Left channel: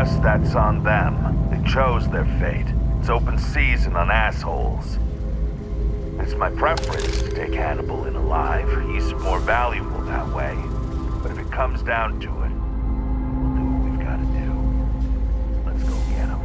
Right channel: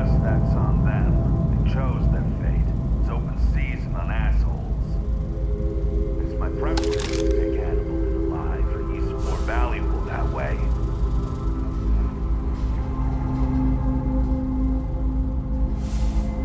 us, that's on them. They chose their fate. It's open season on assholes. It's my preference to take Hannibal in alive. He's more valuable that way. But if it comes down to it, we'll do what we've got to do. Let's go get him.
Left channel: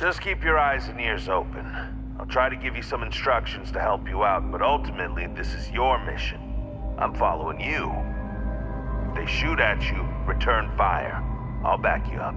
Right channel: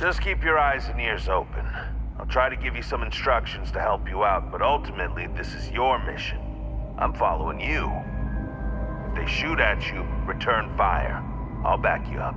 Just keep your eyes and ears open. I'll try to give you some instructions to help you out, but ultimately, this is your mission. I'm following you. If they shoot at you, return fire. I'll back you up.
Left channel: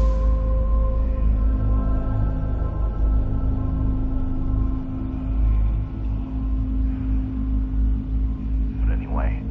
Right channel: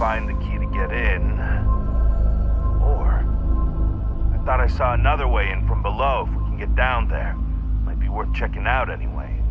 find the key to get in. Or, I thought I saw another way in from below if we can get down there. Might be worth checking out anyway.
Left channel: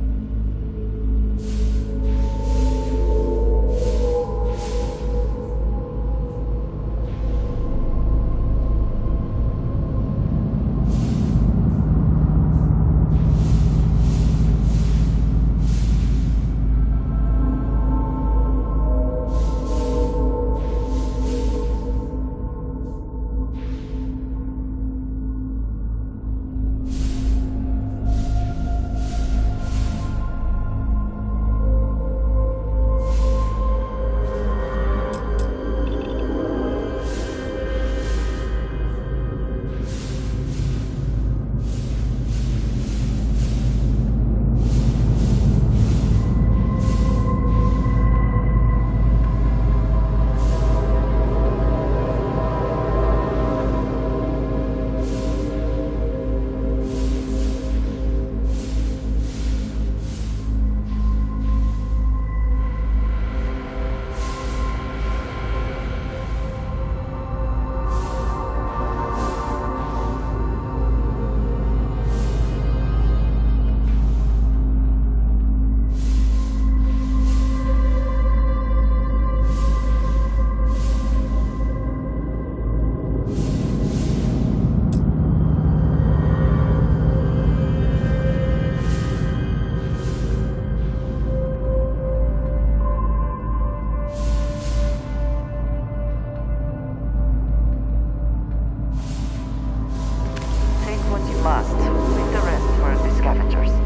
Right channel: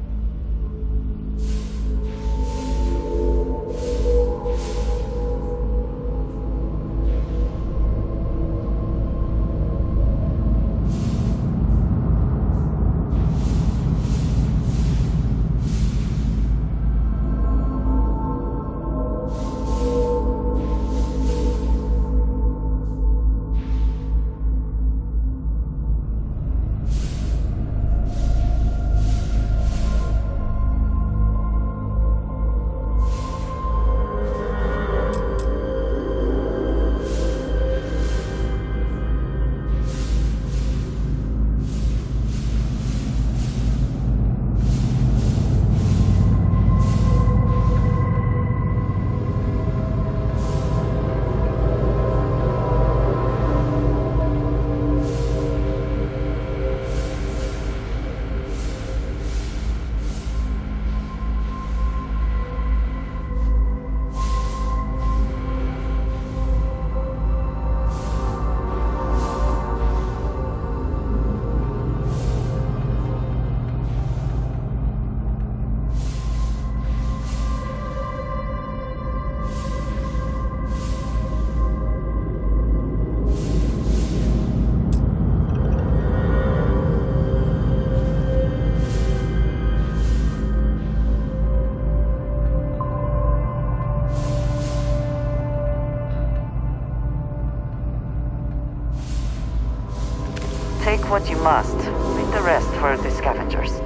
Take what you must. Leave the rest for the scavengers.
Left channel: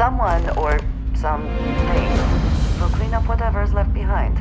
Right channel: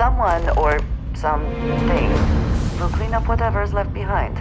Someone or something will clean up whatever's left behind.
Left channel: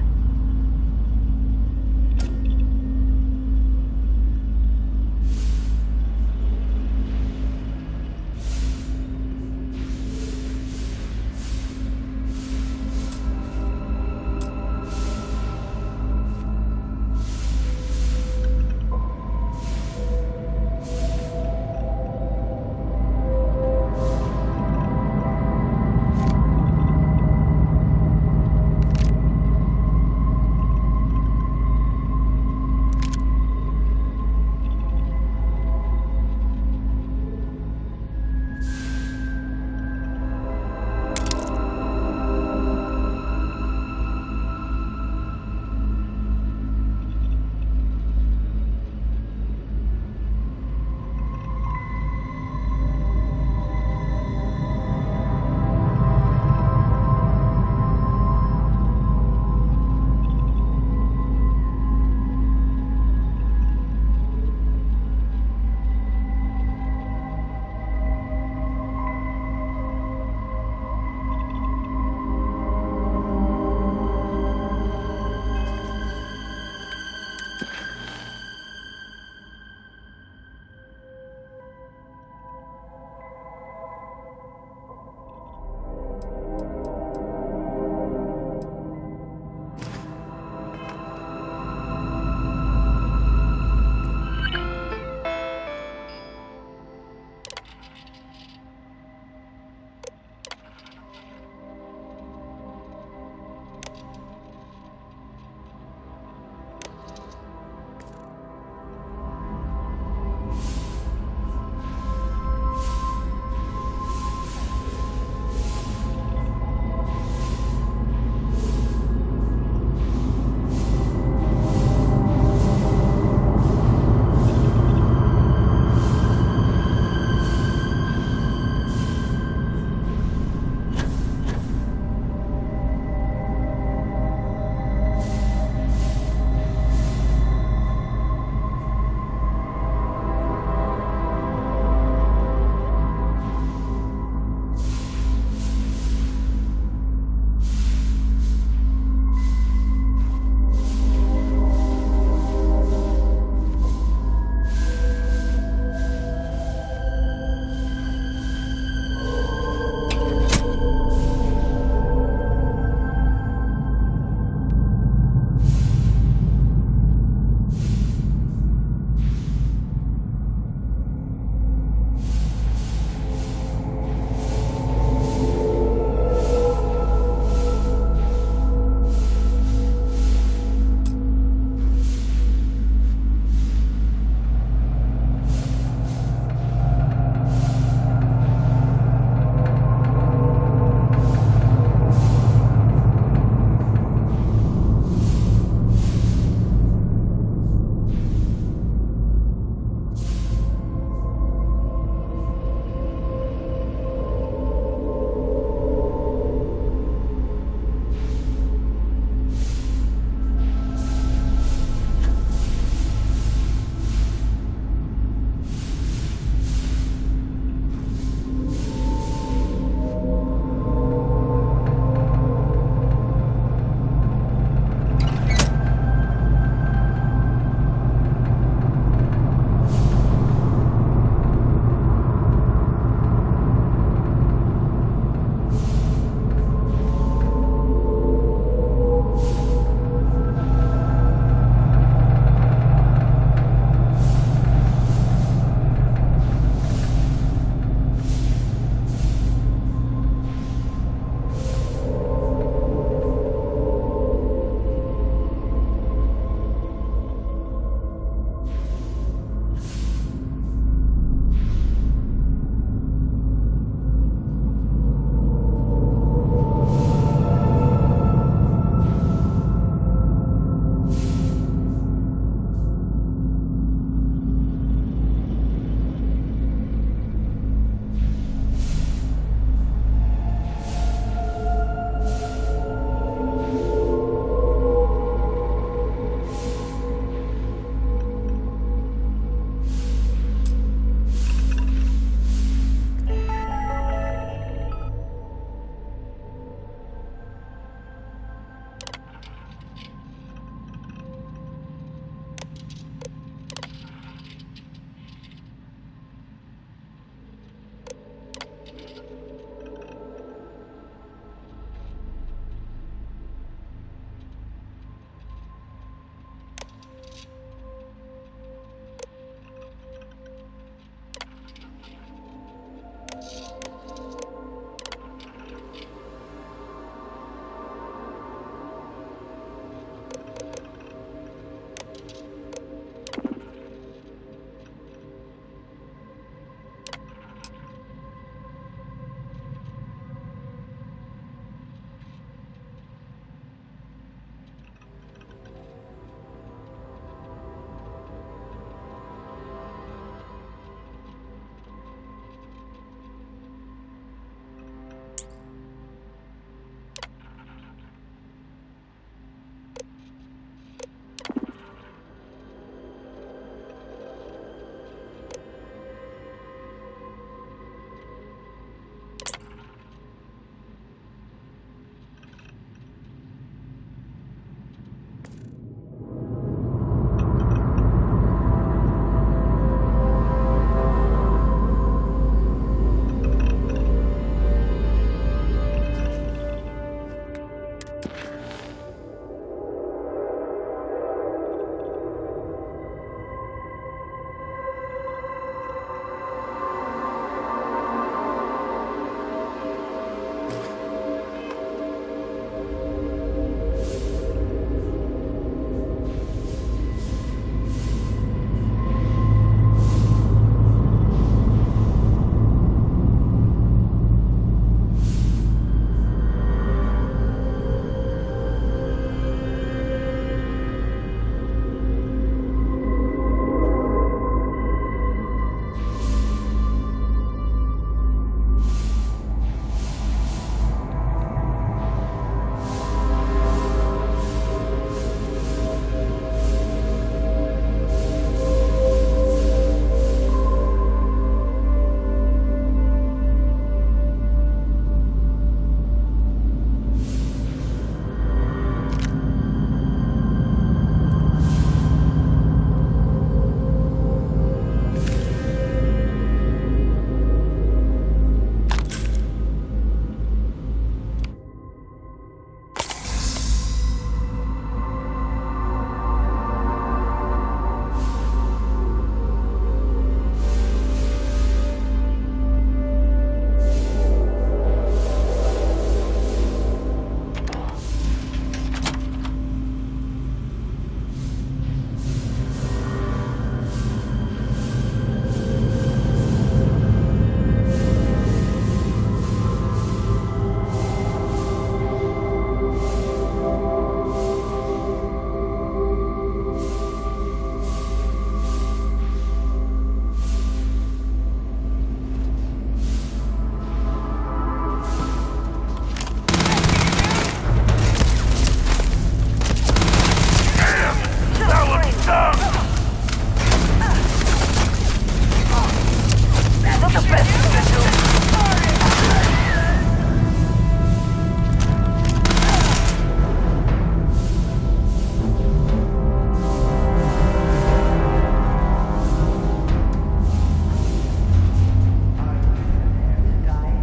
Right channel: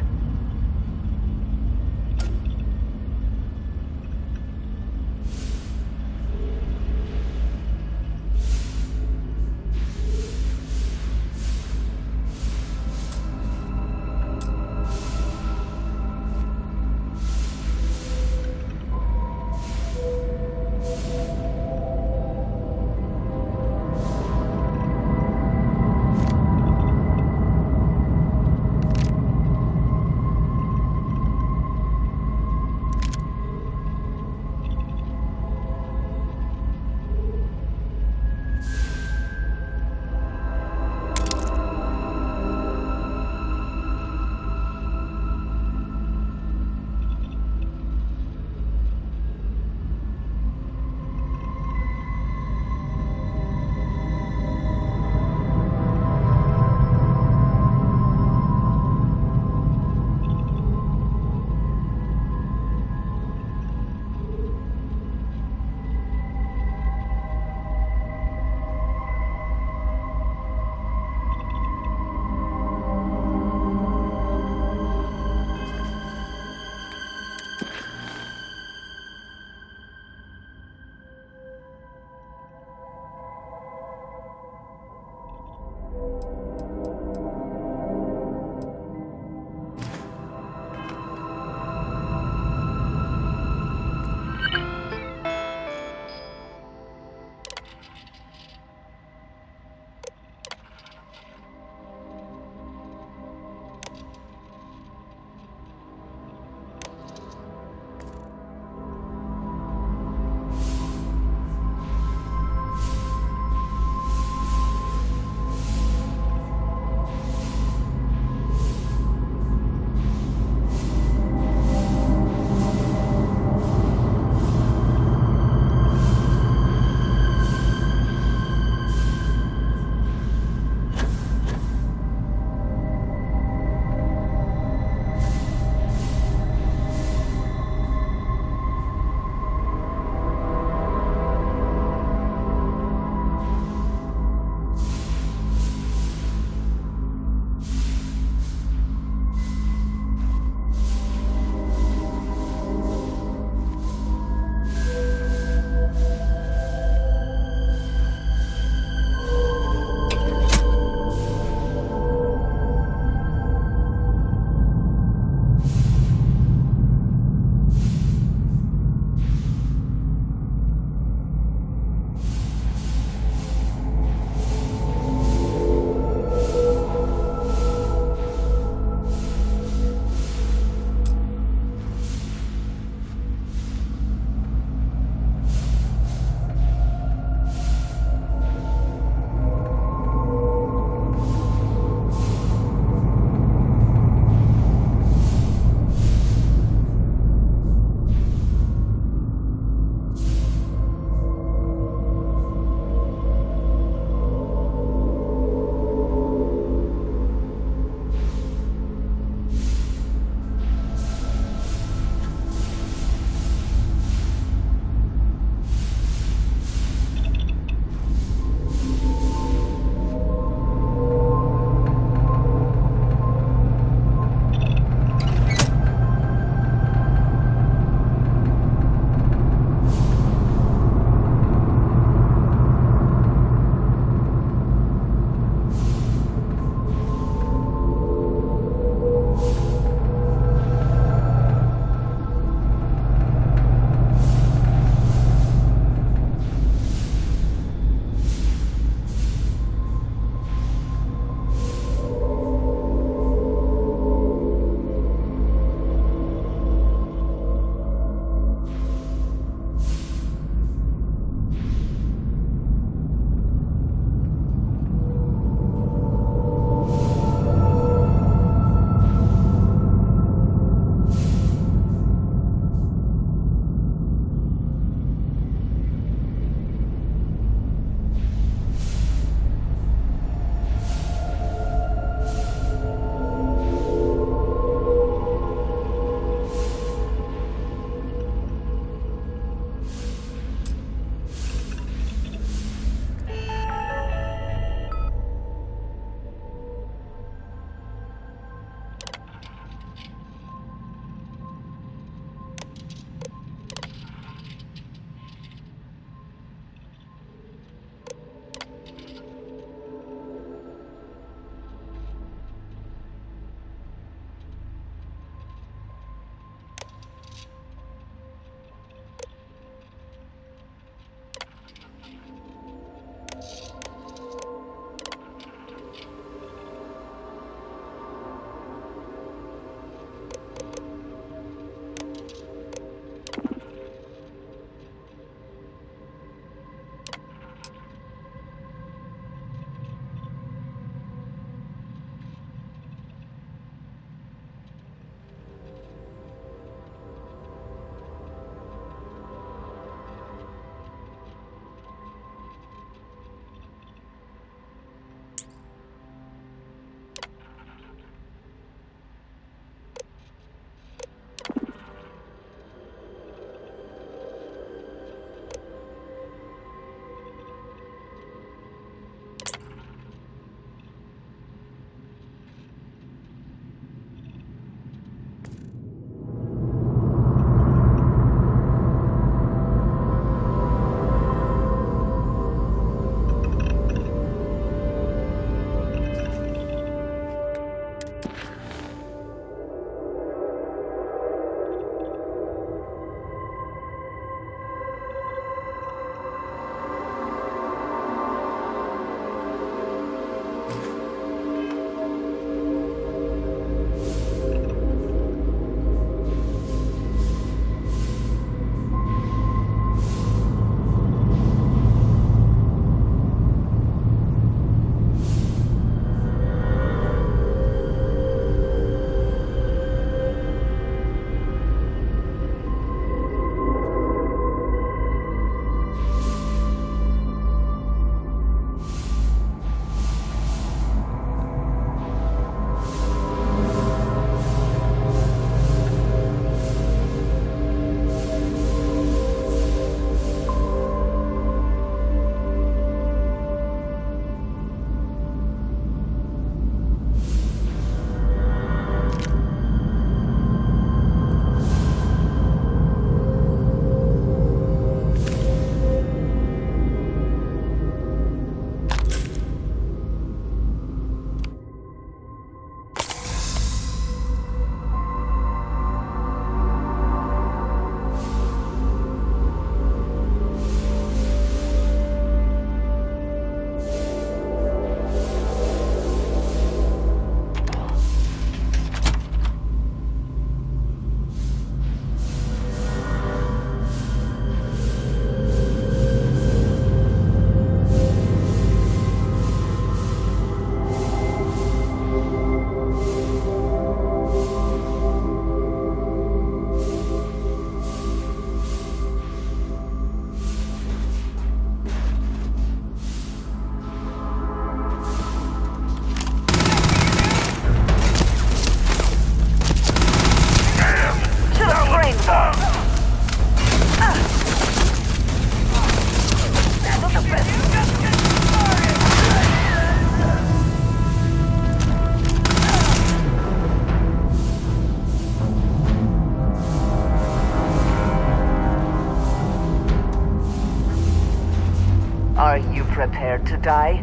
guy.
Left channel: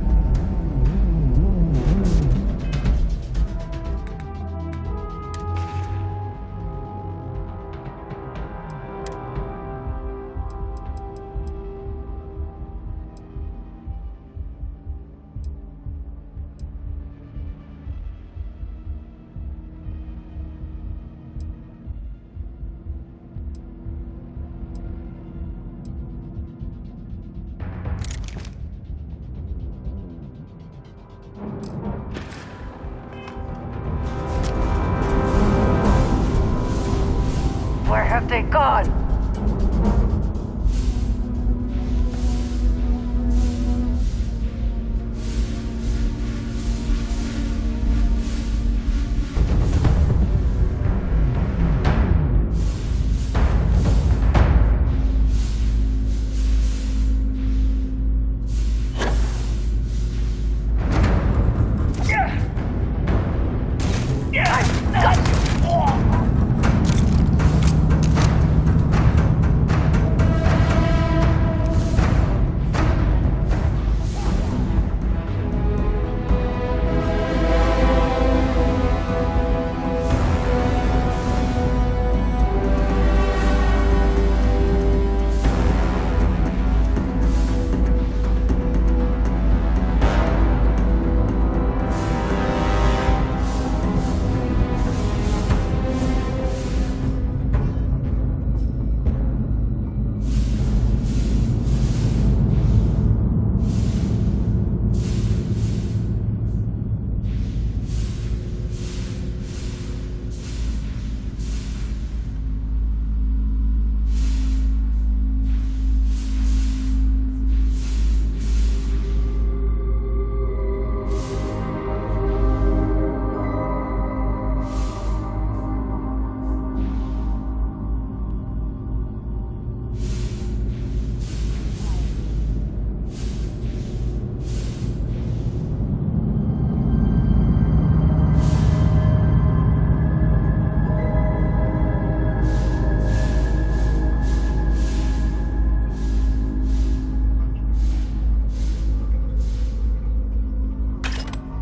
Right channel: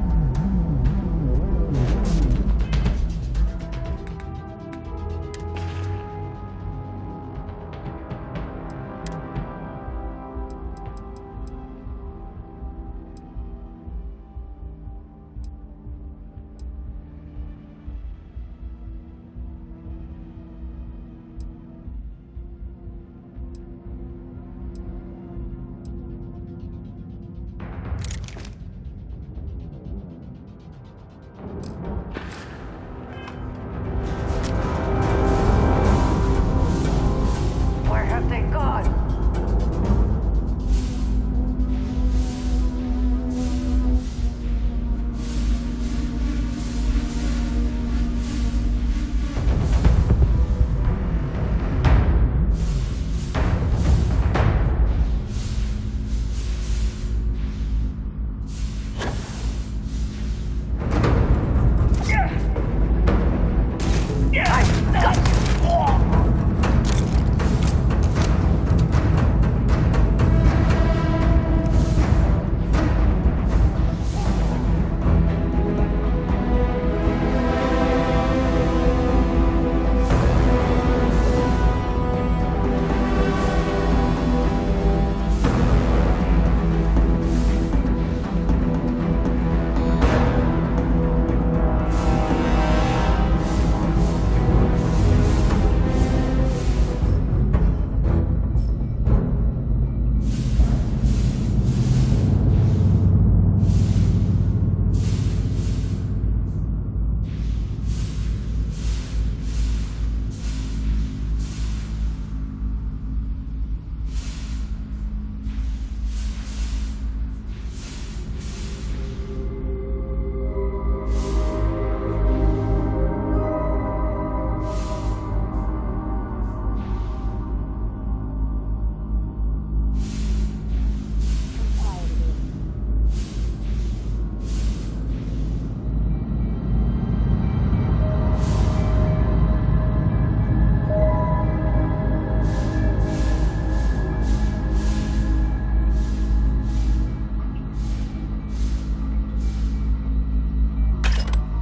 Where have they gone?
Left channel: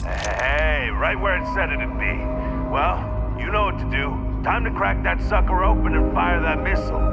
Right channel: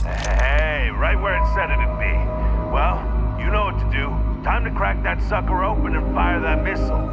Hey, right where it said it'd be. Well, you know what to do. Time to crack that sucker open and fire that missile.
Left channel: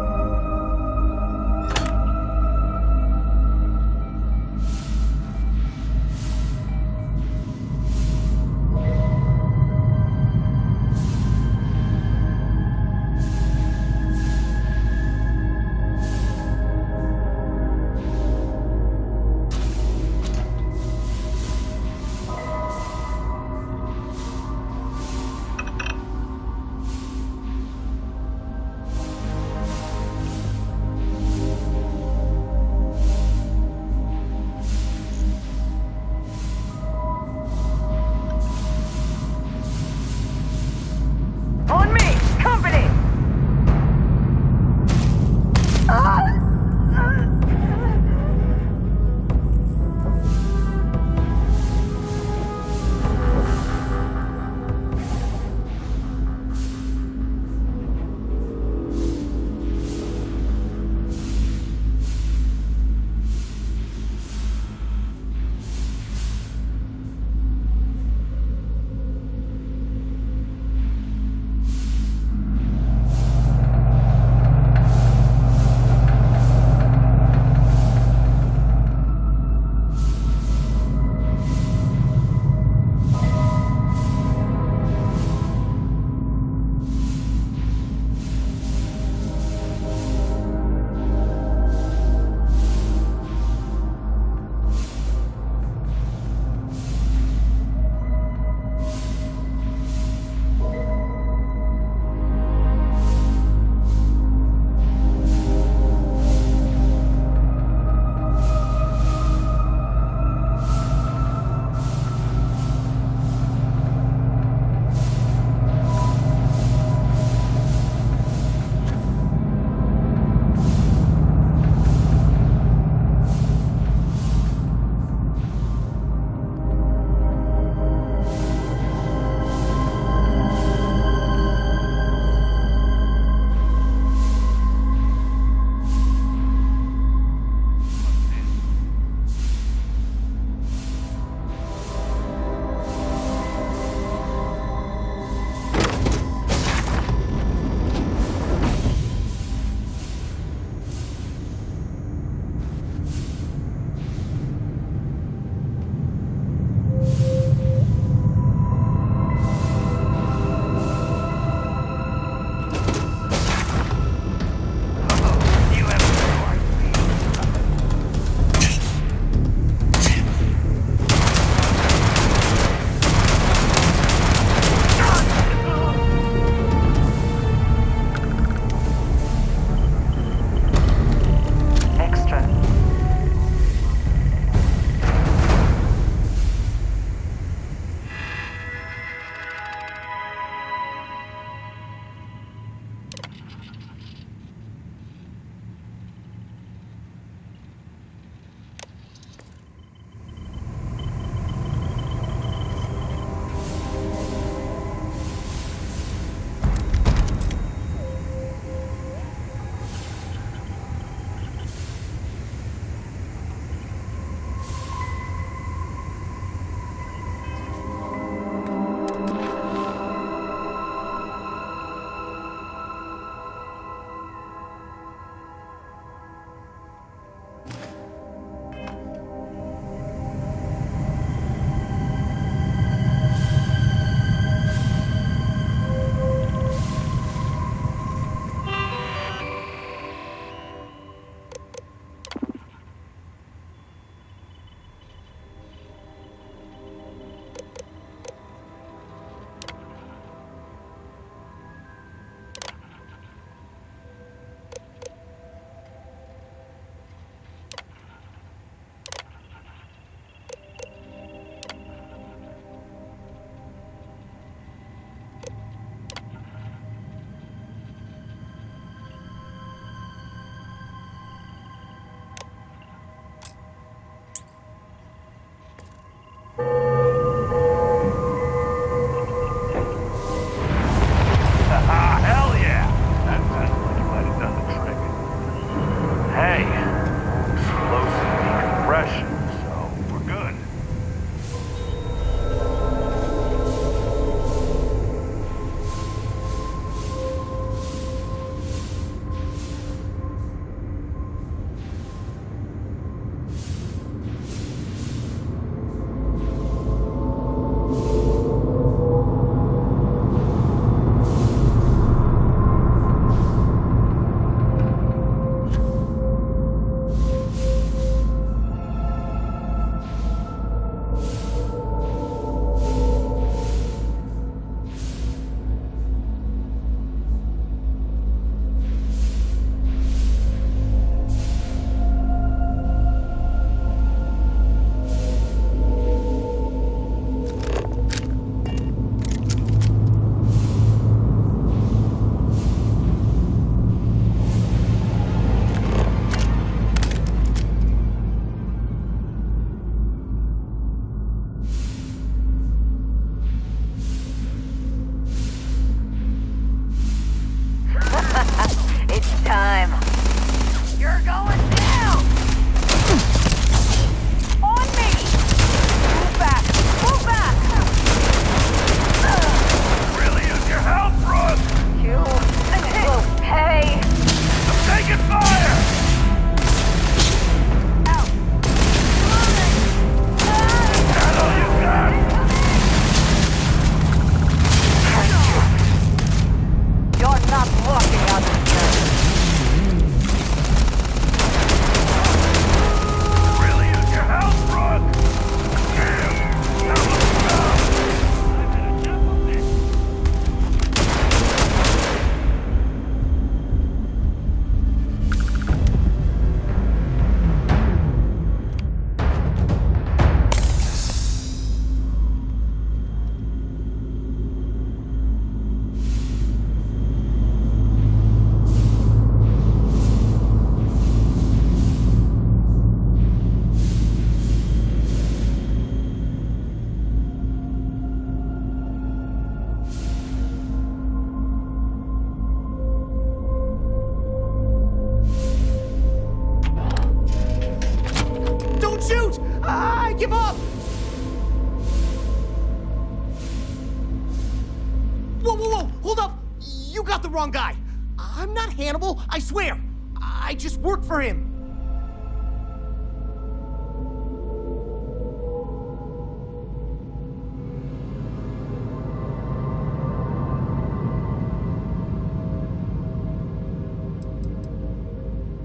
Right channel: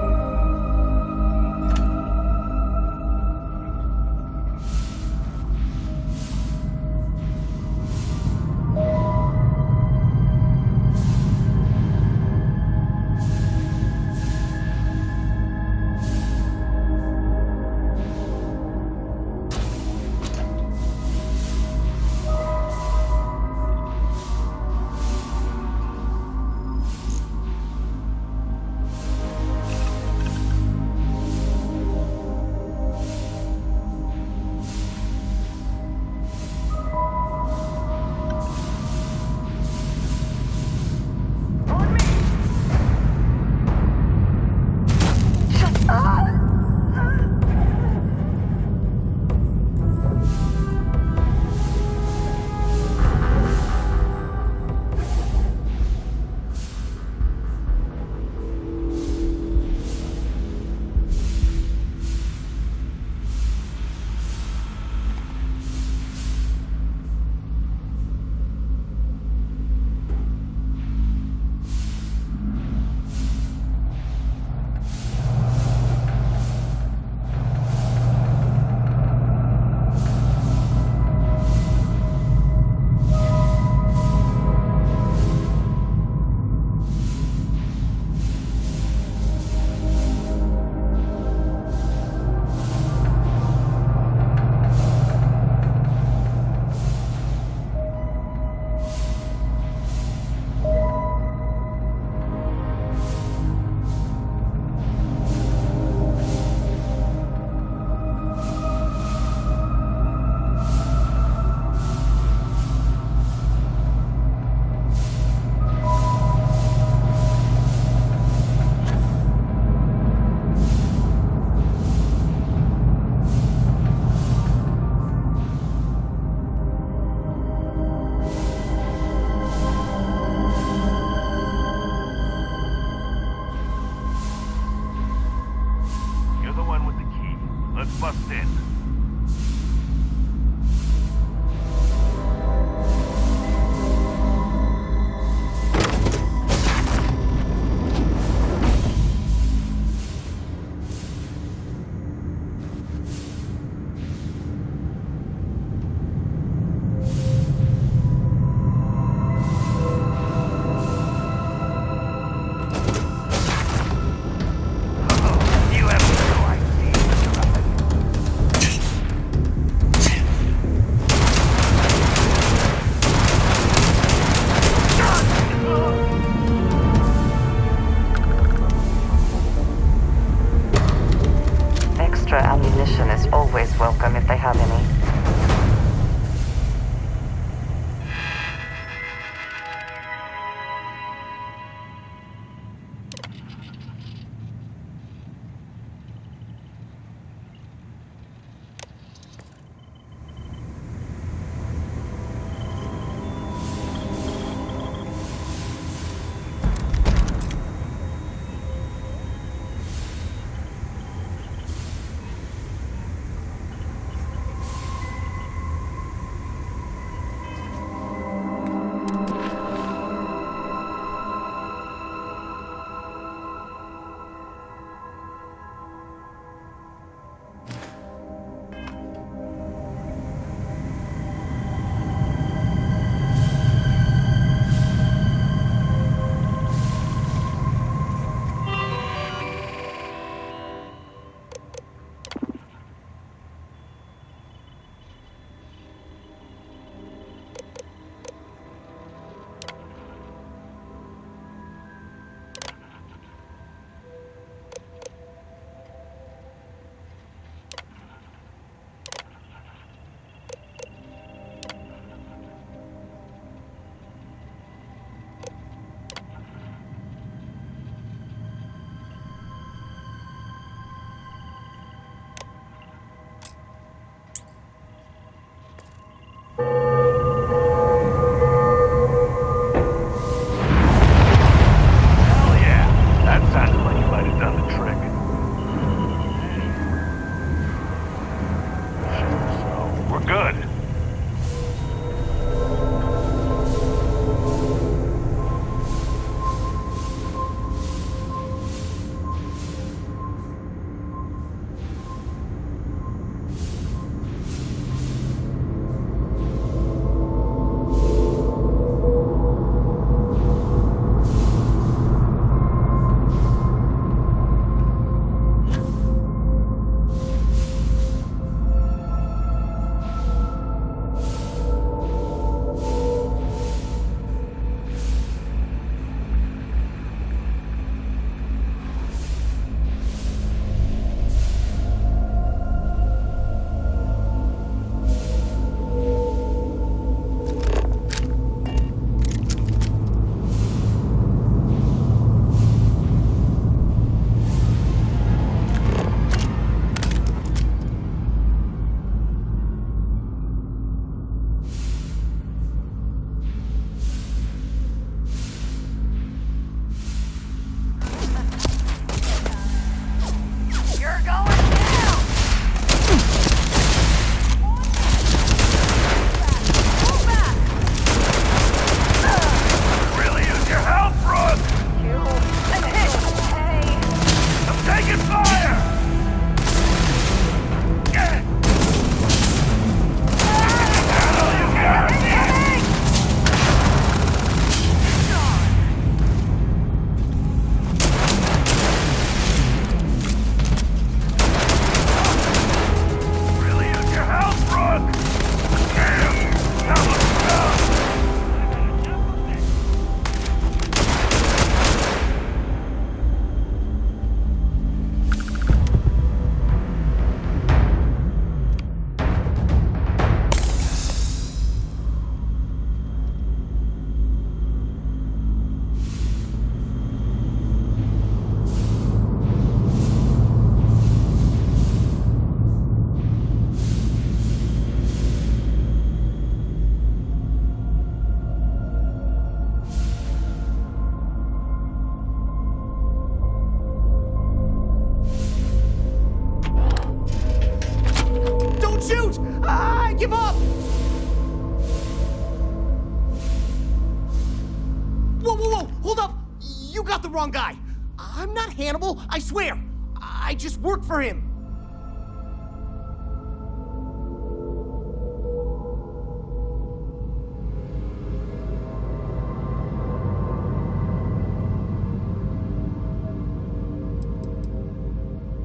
got the wrong guy. I'm not Hannibal, I swear. I just work for him.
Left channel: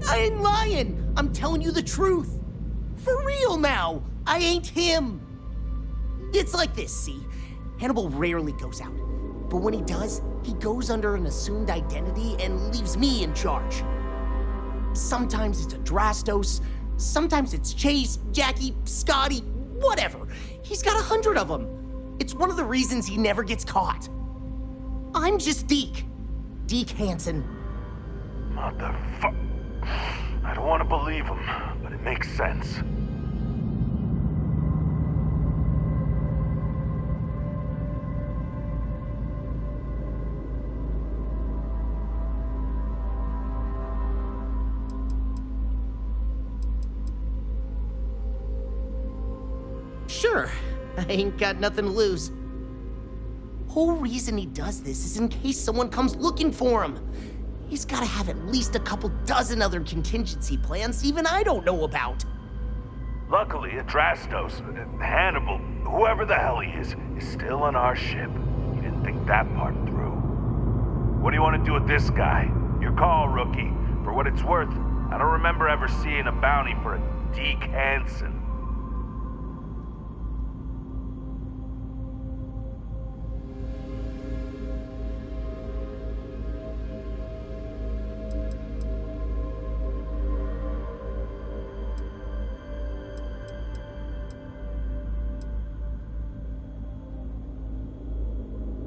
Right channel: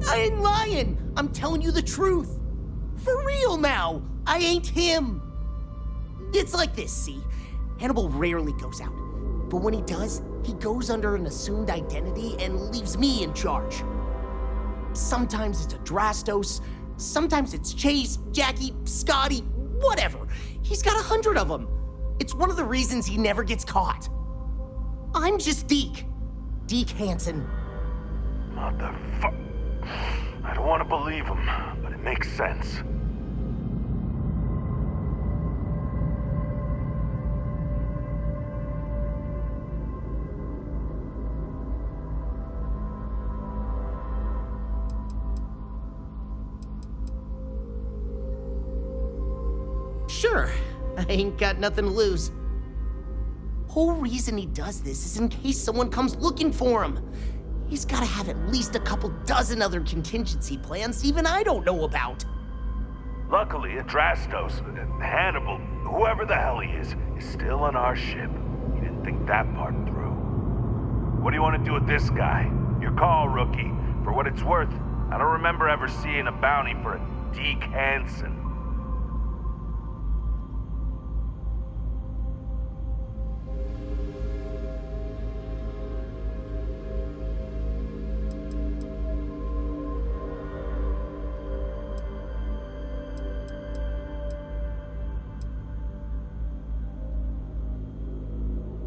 I ain't lying. I'm telling you the truth. For real now. I ain't him. It's like this, see? Hannibal rarely goes out. But when he does, he goes under an assumed identity and leaves me in charge. Sometimes it's Adrastos, sometimes it's Chase, Jackie, Scotty, whatever. He's got 100 of them. It's one of the reasons he never gets caught. I'm just Deke. Deke Hansen. Motherfuck. I don't want to believe him, but it makes sense. Sure, I ain't got nothing to lose. Whole reason he does this is in case someone comes looking for him. He's gotta have at least a couple dozen other contingency plans even I don't know about. Luckily, Adrastos, Hannibal, whoever the hell he is still on our ship. He didn't think that part through. What do you want to do with this guy? Your call, rookie. For what it's worth, I don't remember ever seeing a bounty for a Deke Hansen.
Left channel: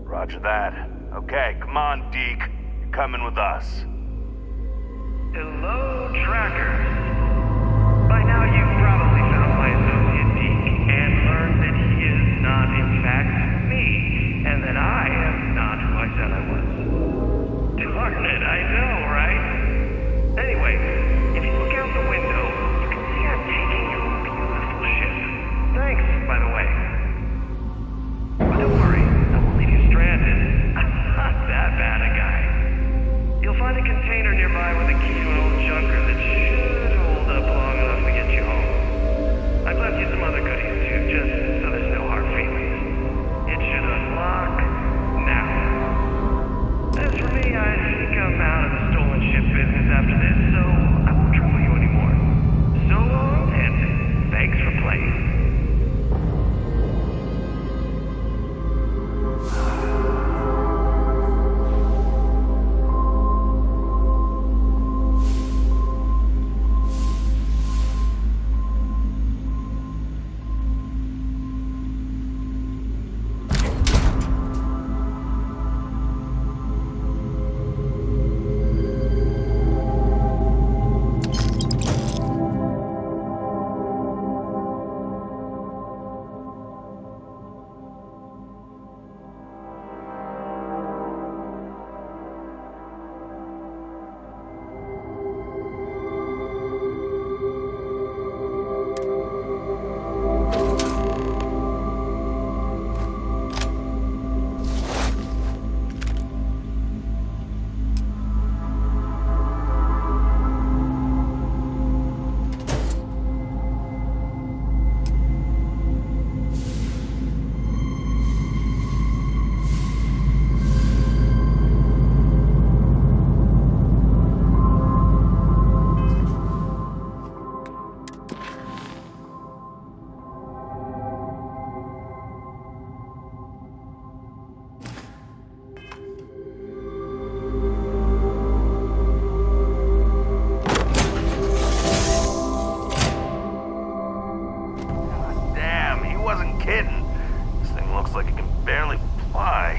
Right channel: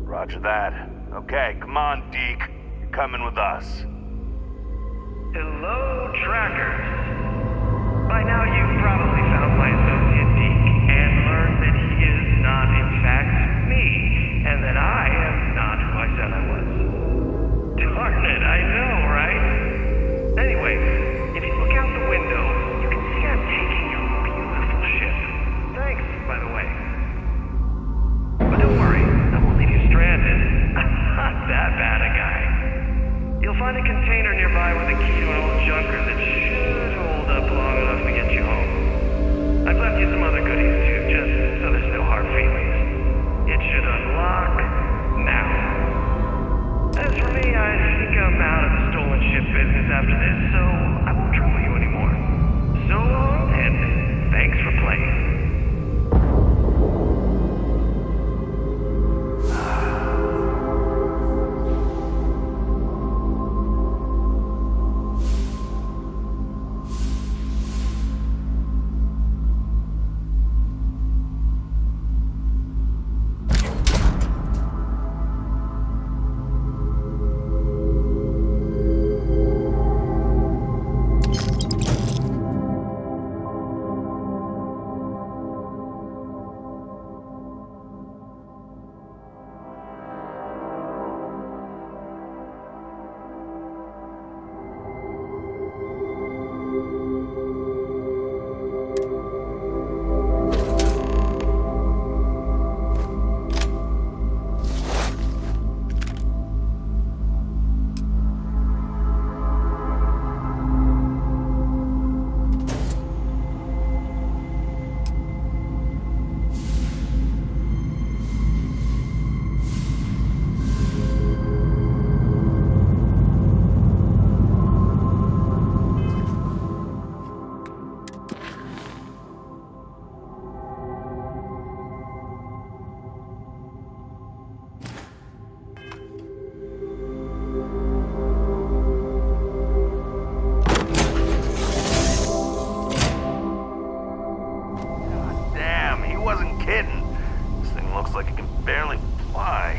Roger that. Okay, come on, Deke. You're coming with us. Hello, trackers. By now you've probably found my associate Deke and learned that he is not in fact me, and that I am not who I said I was. Darn it, I know, right? Anyway, if you look out the window, you can see I'm taking your beautiful ship. Thanks, by the way. But don't worry, I won't leave you stranded. I'm not that bad a guy. You'll find a container nearby with a key to an old junker that should hold up long enough to get you home. I've left you some other goodies too, just so there's no hard feelings. It should unlock now. As for me, I think I'm out of the stolen ship business after this, so I won't trouble you anymore. So long, and thanks for playing. Looks like it can barely fly.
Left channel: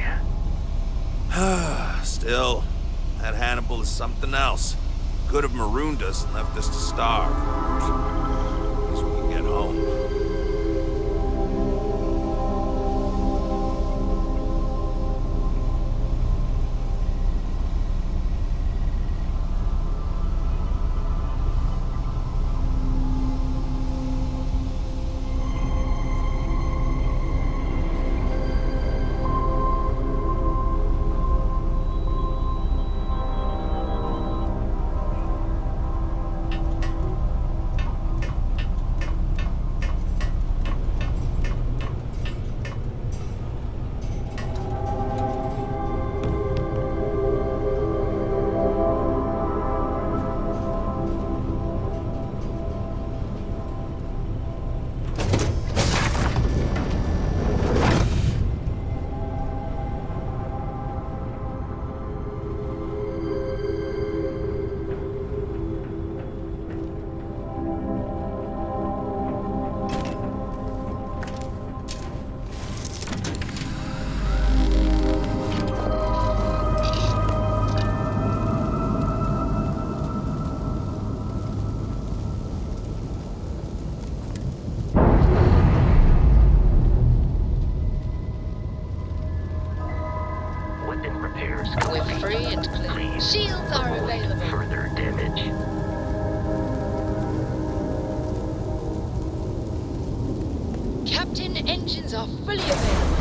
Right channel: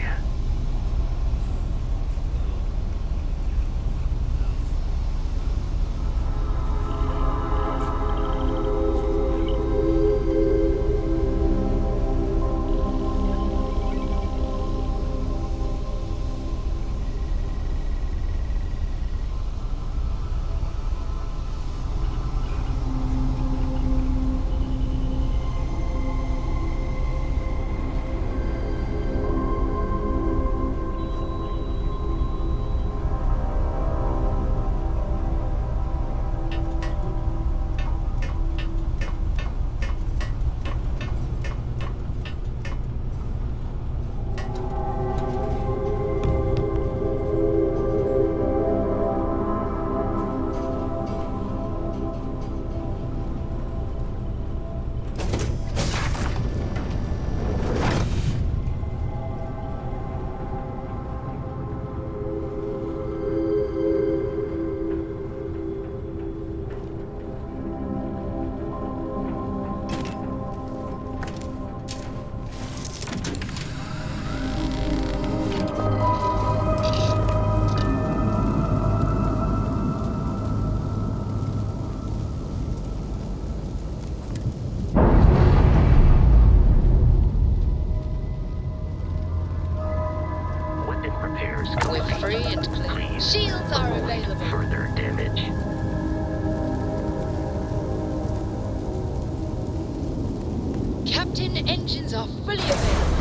Still, that Hannibal is something else. Could have marooned us and left us to starve. At least we can get home. repairs We're complete. free and clear. Please Shields are avoid available. further damage. Captain, engines are fully available.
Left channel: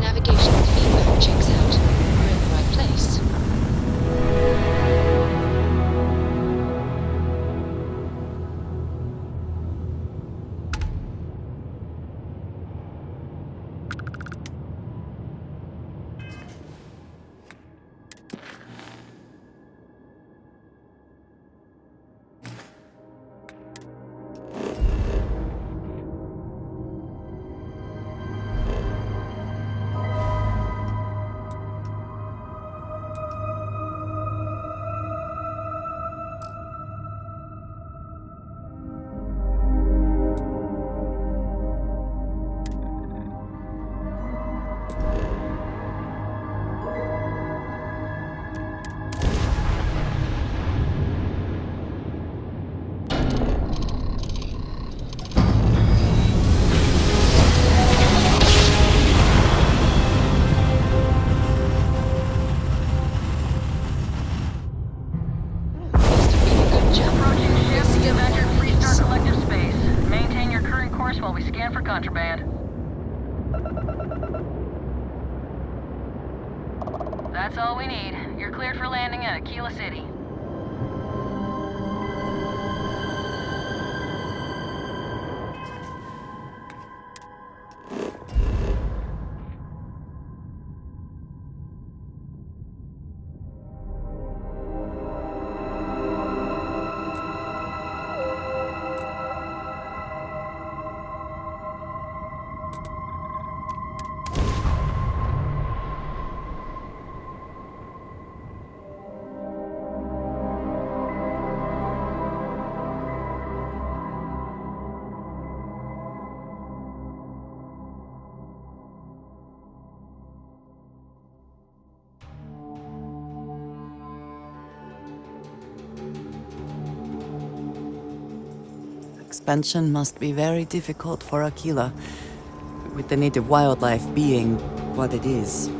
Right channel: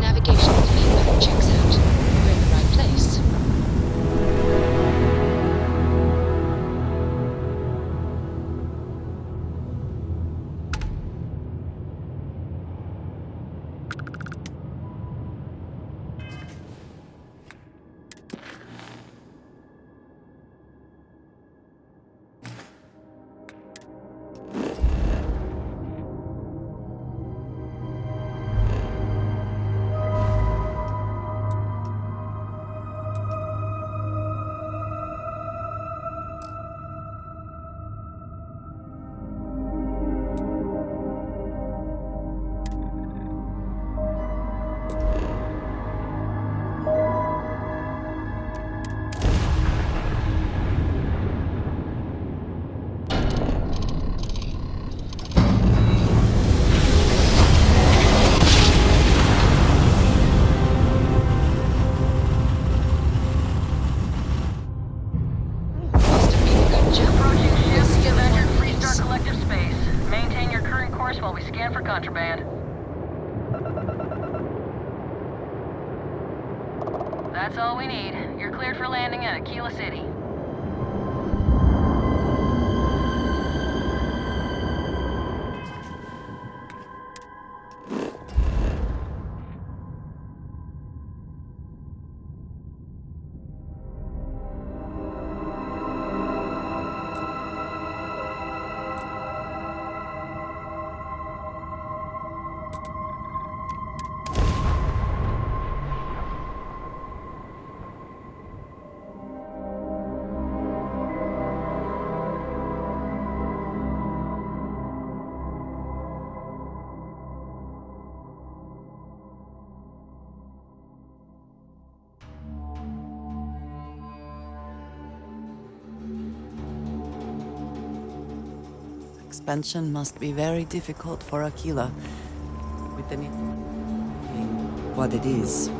Navigation feedback checks out. We're in the right place. Must have been a good jump. Approaching ship, Still you've entered on Freestar this. Collective space. Maintain your current course while we scan for contraband. That's all we need. You're cleared for landing at Aquila City. Expansion must be very difficult for Aquila, with the native wildlife being what it is.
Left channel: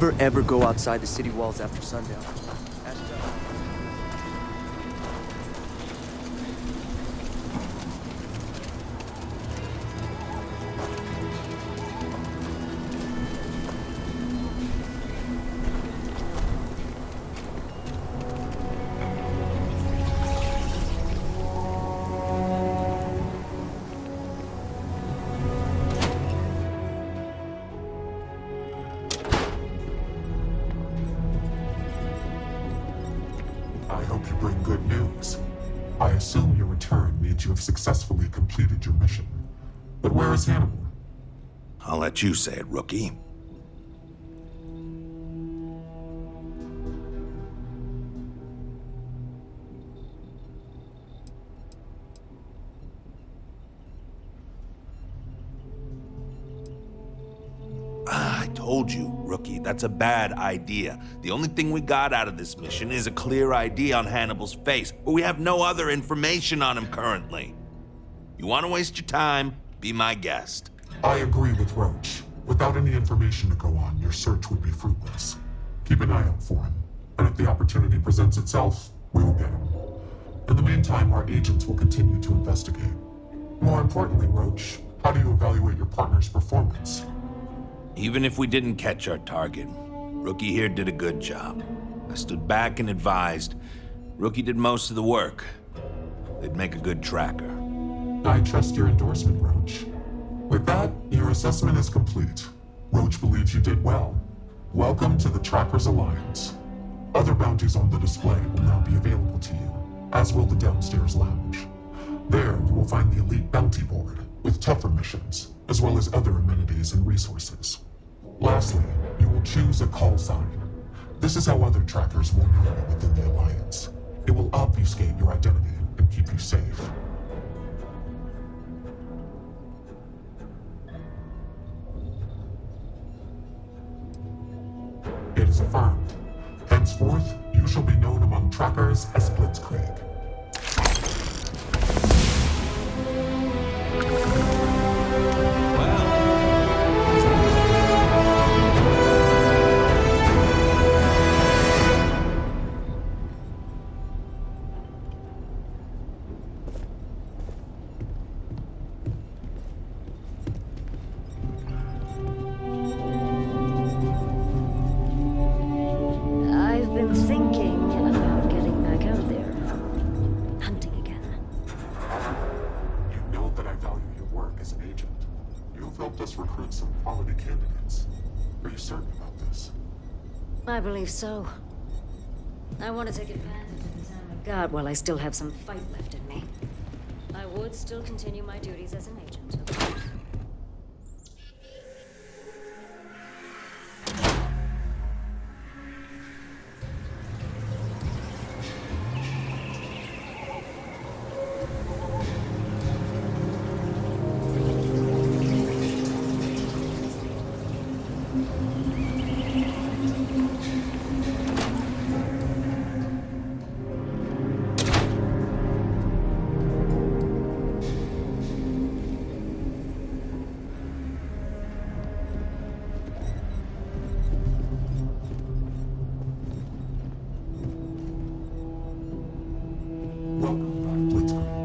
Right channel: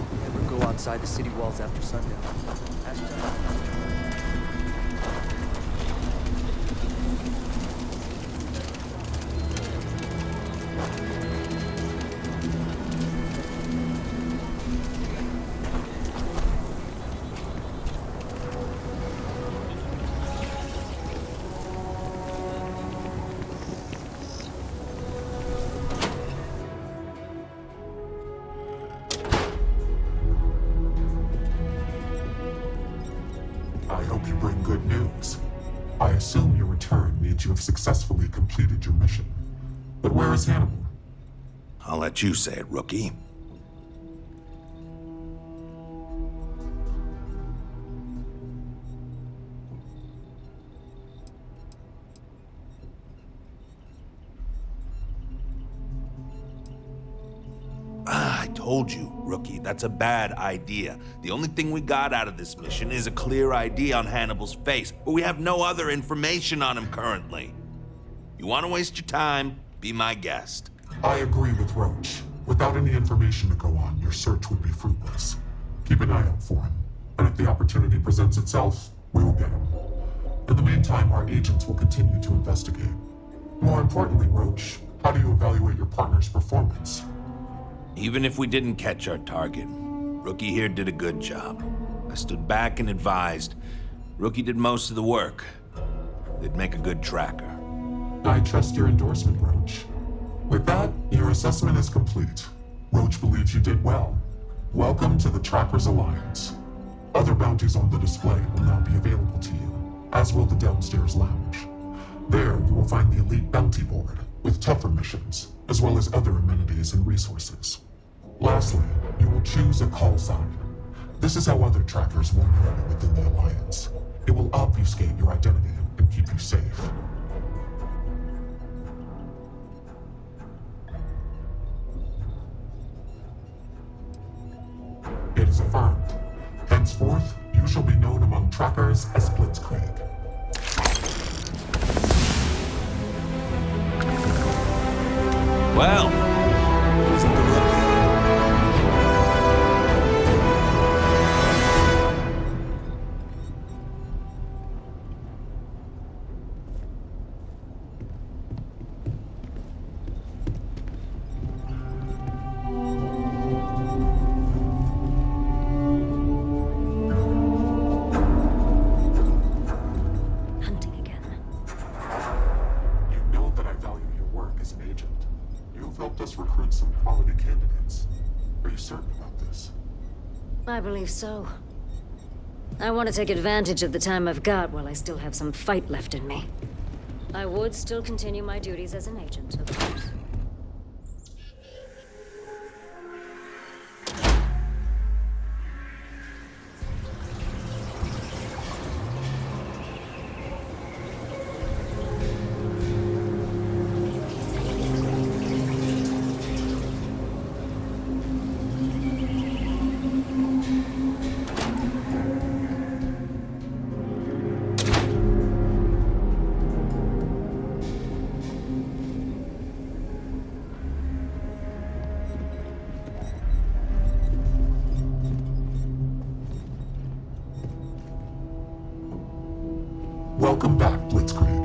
never ever go outside the city walls after sundown. Ask John. I hope you bring good news. I assume your return means you have successfully completed your mission. But where is Hannibal? I'll let you say it, rookie. I told you, rookie, that's a bad idea. The only thing we got out of this mission is a clear ID on Hannibal's face, but we have no other information on him currently. You want to waste your time? Be my guest. I agree with Roach. Without any information to go on, your search would be fruitless. Keep an eye out for him, and if the opportunity presents itself, we will get him. In the meantime, our agents will continue to investigate. More importantly, Roach, how do you evaluate your partner's performance? Even if we didn't catch our target, Rookie here did a good job. I stood back and advised. Rookie did most of the work. They'd make a good tracker. I trust your endorsement, Roach. With that, your assessment is complete. Roach believes you did well. Welcome to the Trackers Alliance. Other bounties on the display will now be available to you, as will the downstairs lounge. There, you will find the elite bounty board, with tougher missions, as well as other amenities and resources. Lastly, you will choose a call sign. This is how other trackers will know you within the Alliance. It will obfuscate your identity and keep you safe. It is affirmed. Henceforth, you shall be known among trackers as Blitzkrieg. Well, I've been thinking about getting back out there. Hunting again. You know that I value your work as an agent. You've helped us recruit some quality candidates. Are you certain about this? I believe so. I want to take advantage of the time I've got while I still have some fight left in me. I would still continue my duties as an agent, of course. Welcome back, Blitzkrieg.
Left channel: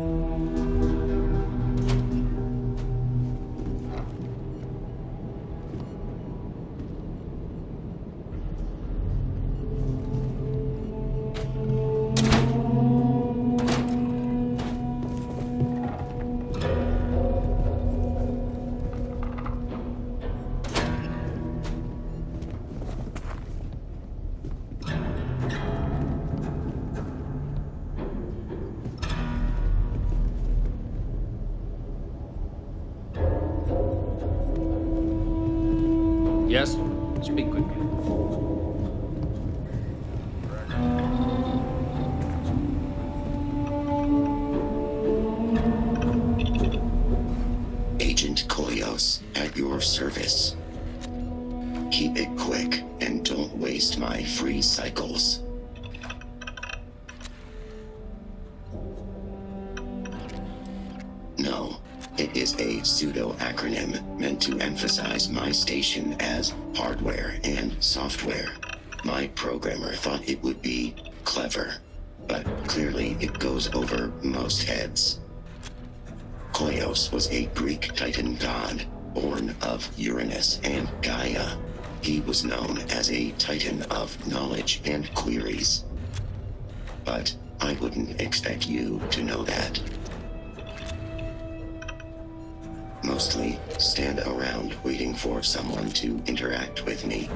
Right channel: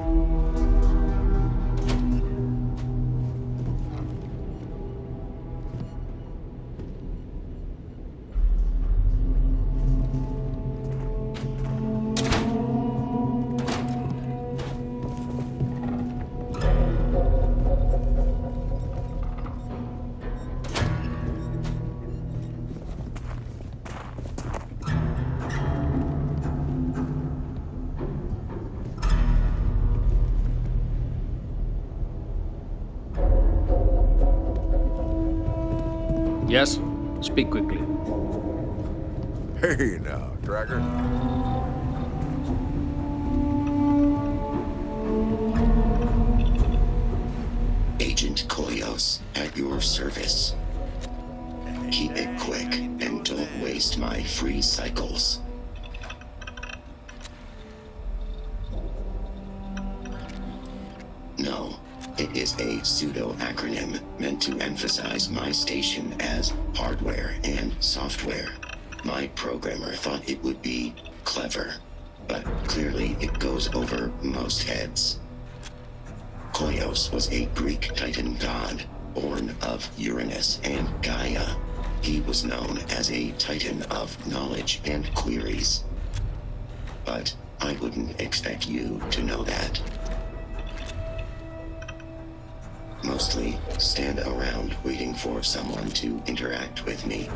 Yes? Speak quickly. Hey now, Tracker. Agent Koyos at your service. Keep it quick and don't waste my free cycles. No, It is a pseudo-acronym meant to emphasize my station as hardware and software. My programmer thought it would be clever, but clearly it goes over most heads. Koios was a Greek Titan god, born of Uranus and Gaia. He was known as a Titan of knowledge and queries. But I wouldn't expect you to know that. Mostly stand around waiting for someone to interact with me.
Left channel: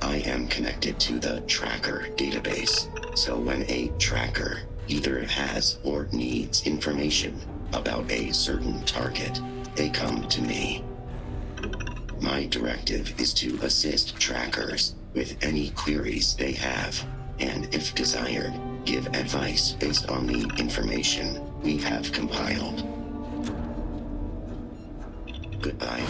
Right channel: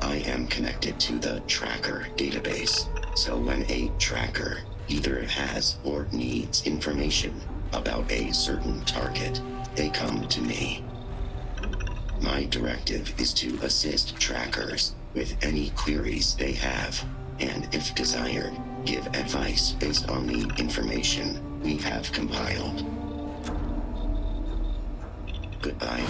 I am connected to the tracker database, so when a tracker either has or needs information about a certain target, they come to me. My directive is to assist trackers with any queries they have, and if desired, give advice based on the information we have compiled. Goodbye.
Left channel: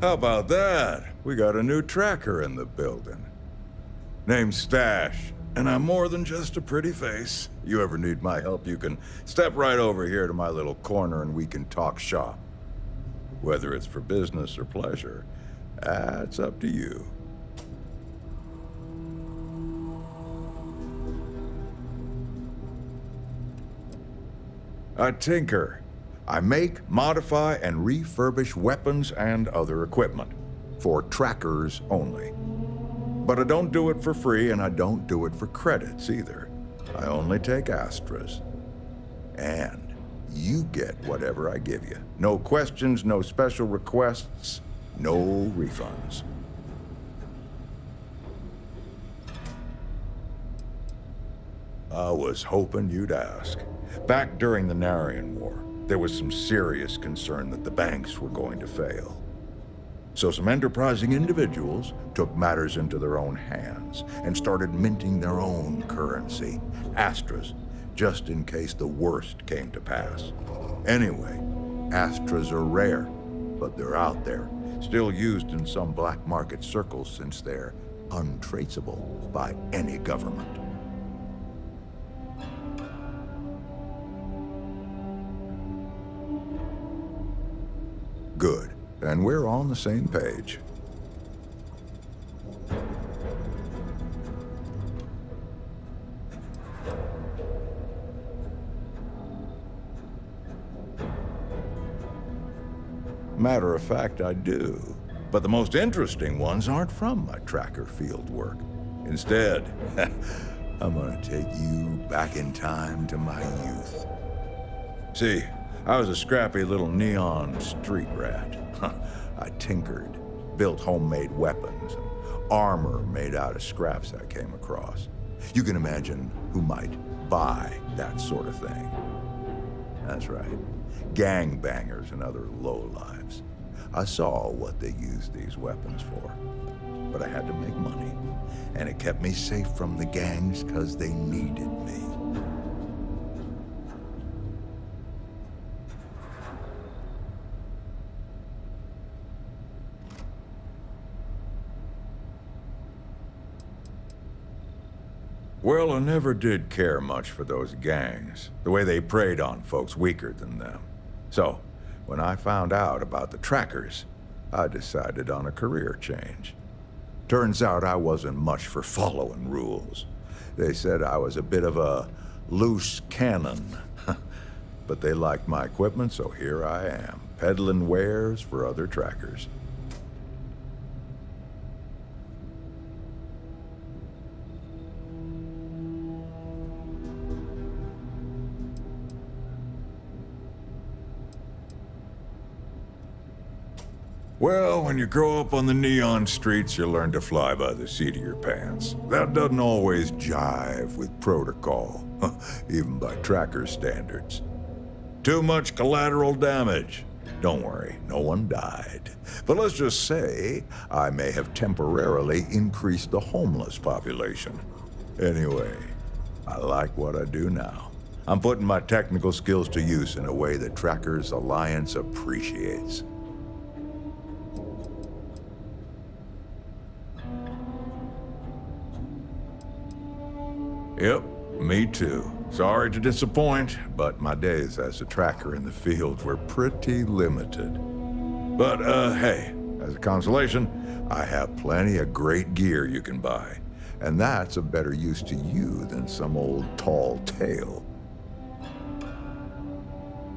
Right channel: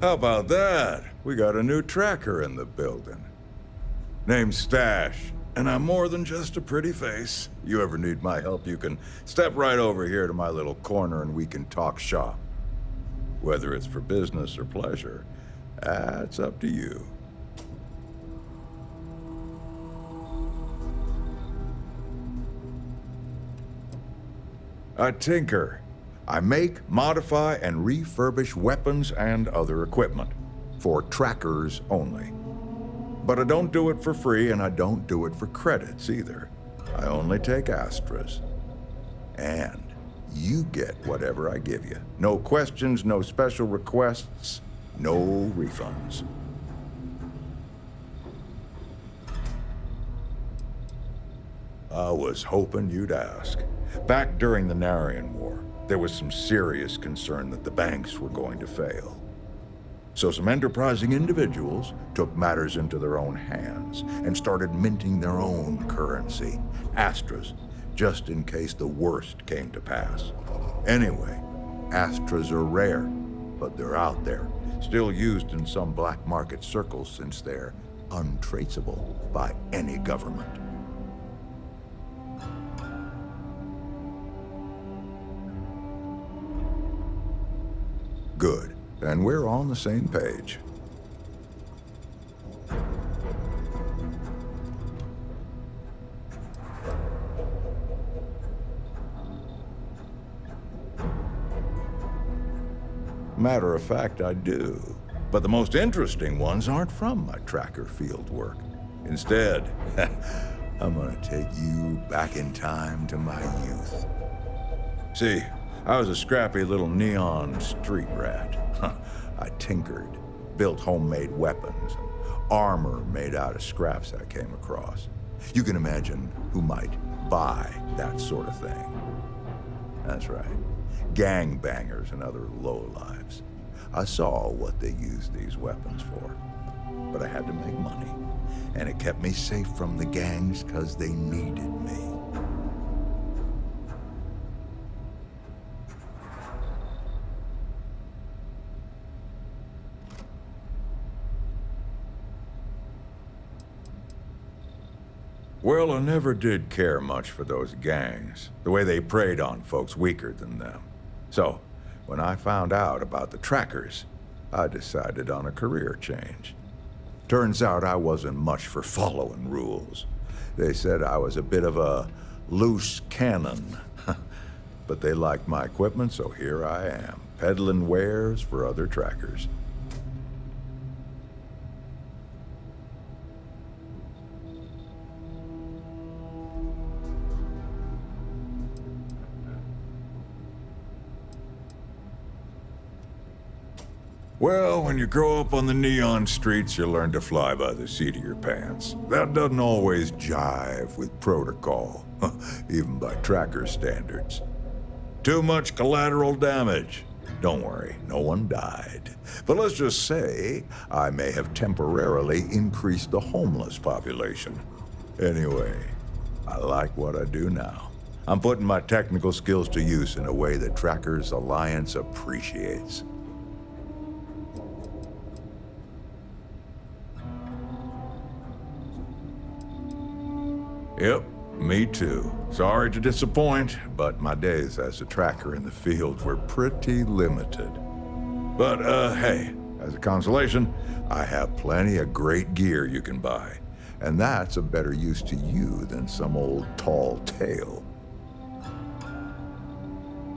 How about that? We got a new tracker in the building. Name's Stash, and I'm more than just a pretty face. You ever need my help, you can step right over here to my little corner and we can talk shop. Whether it's for business or pleasure, that's up to you. I tinker. I make, modify, and refurbish weapons and other equipment. For trackers only. But I don't do it for free, and I don't do it for credits either. I only take Astras. And you get whatever I give you. No questions, no special requests, no refunds. I was hoping you'd ask. Back during the Narian War, there was some serious concern that the banks were going to fail. So some enterprising individuals took matters into their own hands and started minting their own currency, Astras, just in case the worst came to pass. Anyway, Astras are rare, but they're out there, still used in some black market circles since they're untraceable by any government. Good. And we're on the same page. Matter of fact, I do. But the most interesting ones aren't from my tracker field work. Instead, I'm gonna take you back in time to my youth. See, I was a scrappy little neon street rat. I tinkered, built homemade weapons, and armor made out of scraps I came across. You can imagine who might buy that sort of thing. That's right, gangbangers and other lowlives. I saw what they used these weapons for, but I had to make money, and it kept me safe from the gangs because they needed me. Well, I never did care much for those gangs, the way they preyed on folks weaker than them. So, when I found out about the trackers, I decided on a career change. Turns out I wasn't much for following rules. They said I was a bit of a loose cannon. But they liked my equipment, so here I am, peddling wares for other trackers. Well, when you grow up on the neon streets, you learn to fly by the seat of your pants. That doesn't always jive with protocol, even by tracker standards. Too much collateral damage. Don't worry, no one died. But let's just say I may have temporarily increased the homeless population. Anyway, I like what I do now. I'm putting my technical skills to use in a way that Trackers Alliance appreciates. Yep, me too. Sorry to disappoint, but my days as a tracker in the field were pretty limited. But, hey, as a consolation, I have plenty of great gear you can buy. And that's a better use to you than some old tall tale.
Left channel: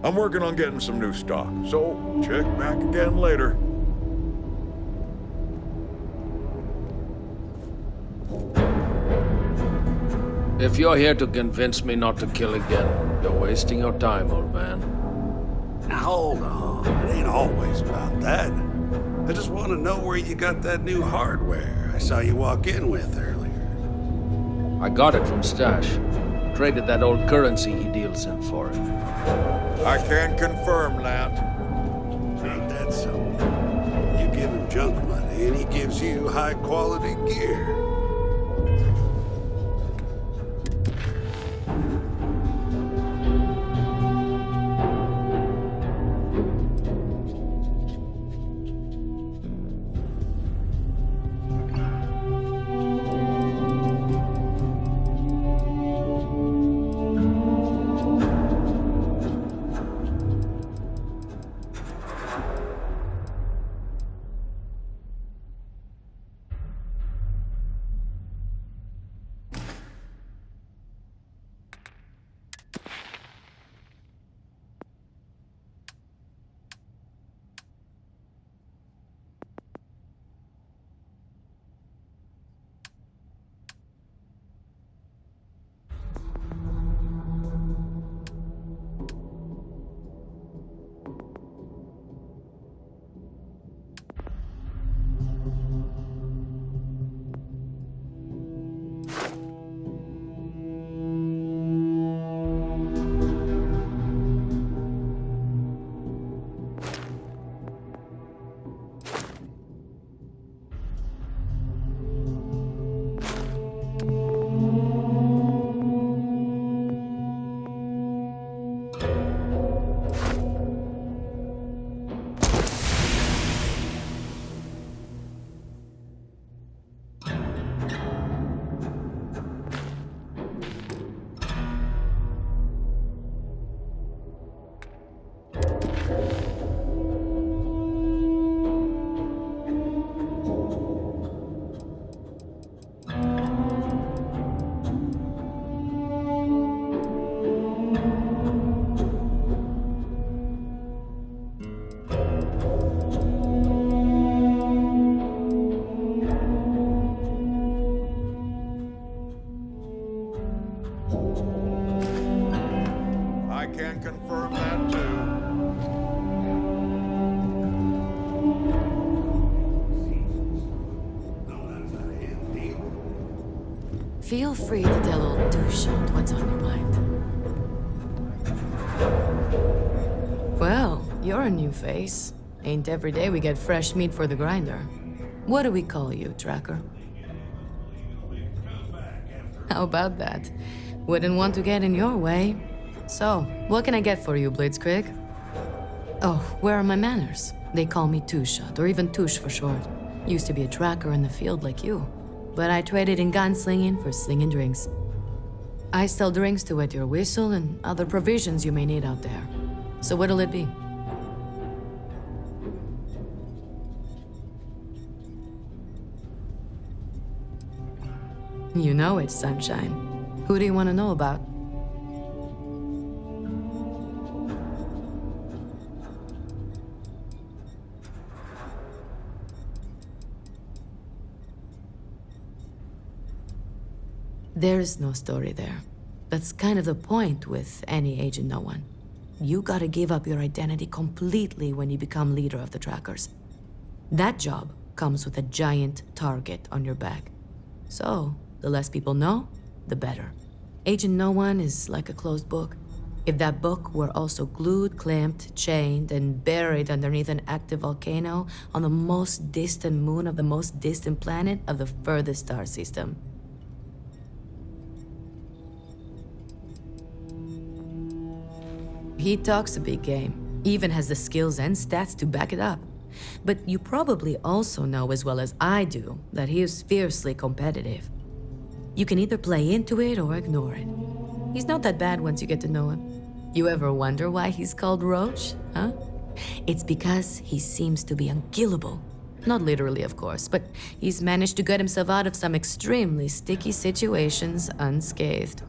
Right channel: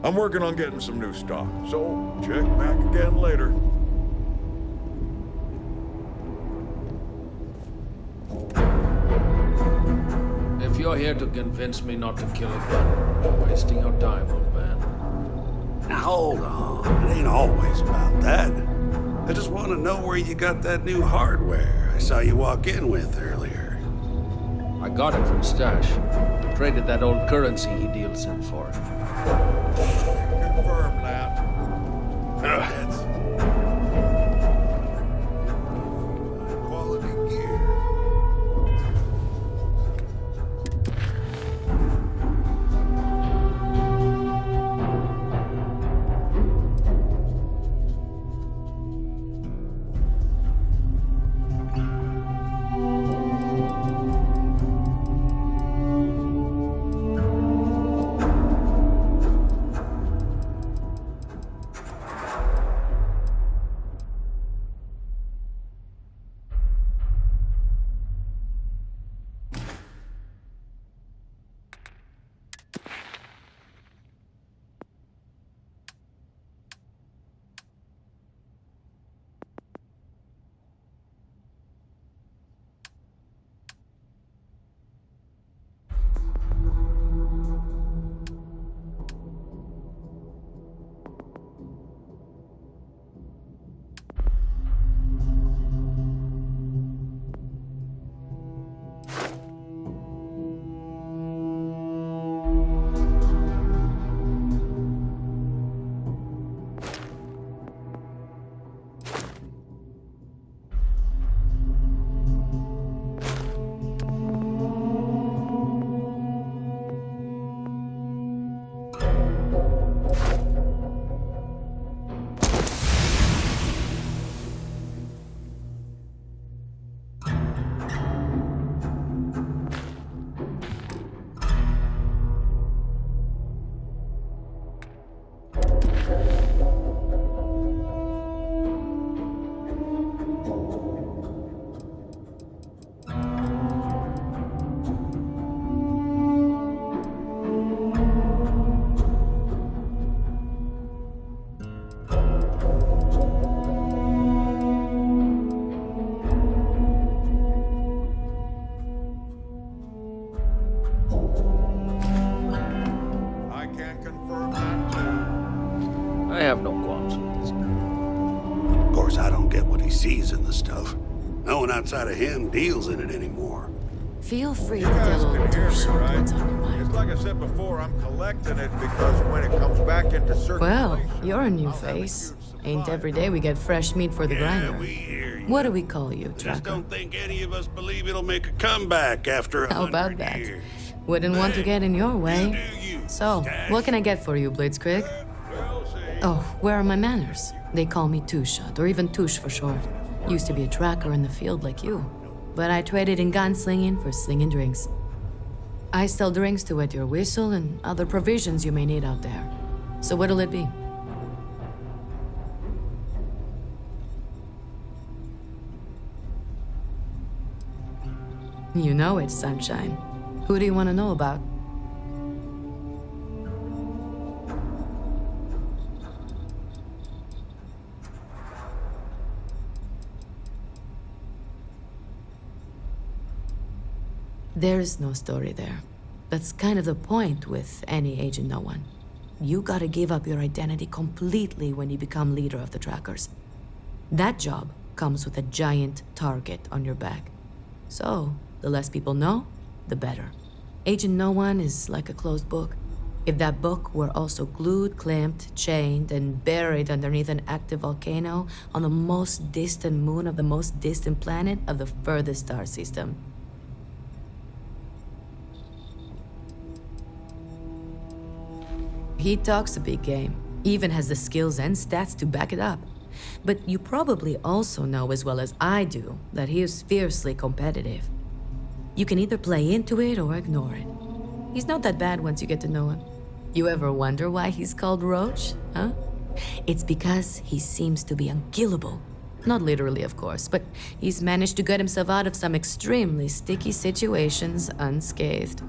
I'm working on getting some new stock, so check back again later. If you're here to convince me not to kill again, you're wasting your time, old man. Now hold on, it ain't always about that. I just want to know where you got that new hardware I saw you walk in with earlier. I got it from Stash. Traded that old currency he deals in for it. I can confirm that. That's something. You give him junk money and he gives you high quality gear. I can confirm that too. I have no qualms with this guy. Of course, I don't get what he sees in the stuff. No one outside of him deals in it anymore. Feel free to tell old Two-Shot what's on your mind. Like I said before, I'm collecting it because when it comes back into circulation... Well, you're a new face. Ain't every day we get fresh meat for the grinder. What do we call you, Tracker? Don't think any of us believe it'll make a comeback after 100 How about that? years. Wouldn't want to get in your way. So, what can I get for you, Blitzkrieg? Oh, where are my manners? They call me Two-Shot, or even Touche for short. Used to be a tracker in the field like you. But I traded in gunslinging for slinging drinks. I sell drinks to wet your whistle and other provisions you may need out there. So what'll it be? You know it, Sunshine. Who do you want to know about? There's no story there. That's kind of the point with any Agent No One. You gotta give up your identity completely when you become leader of the Trackers. That job comes with a giant target on your back. So, the less people know, the better. Agent No One is like a closed book. If that book were also glued, clamped, chained, and buried underneath an active volcano on the most distant moon of the most distant planet of the furthest star system. He talks a big game, even has the skills and stats to back it up. But you probably also know as well as I do that he is fiercely competitive. You can either play into it or ignore it. He's not that bad once you get to know him. You ever wonder why he's called Roach, huh? It's because he seems to be unkillable. Not literally, of course, but he's managed to get himself out of some extremely sticky situations unscathed.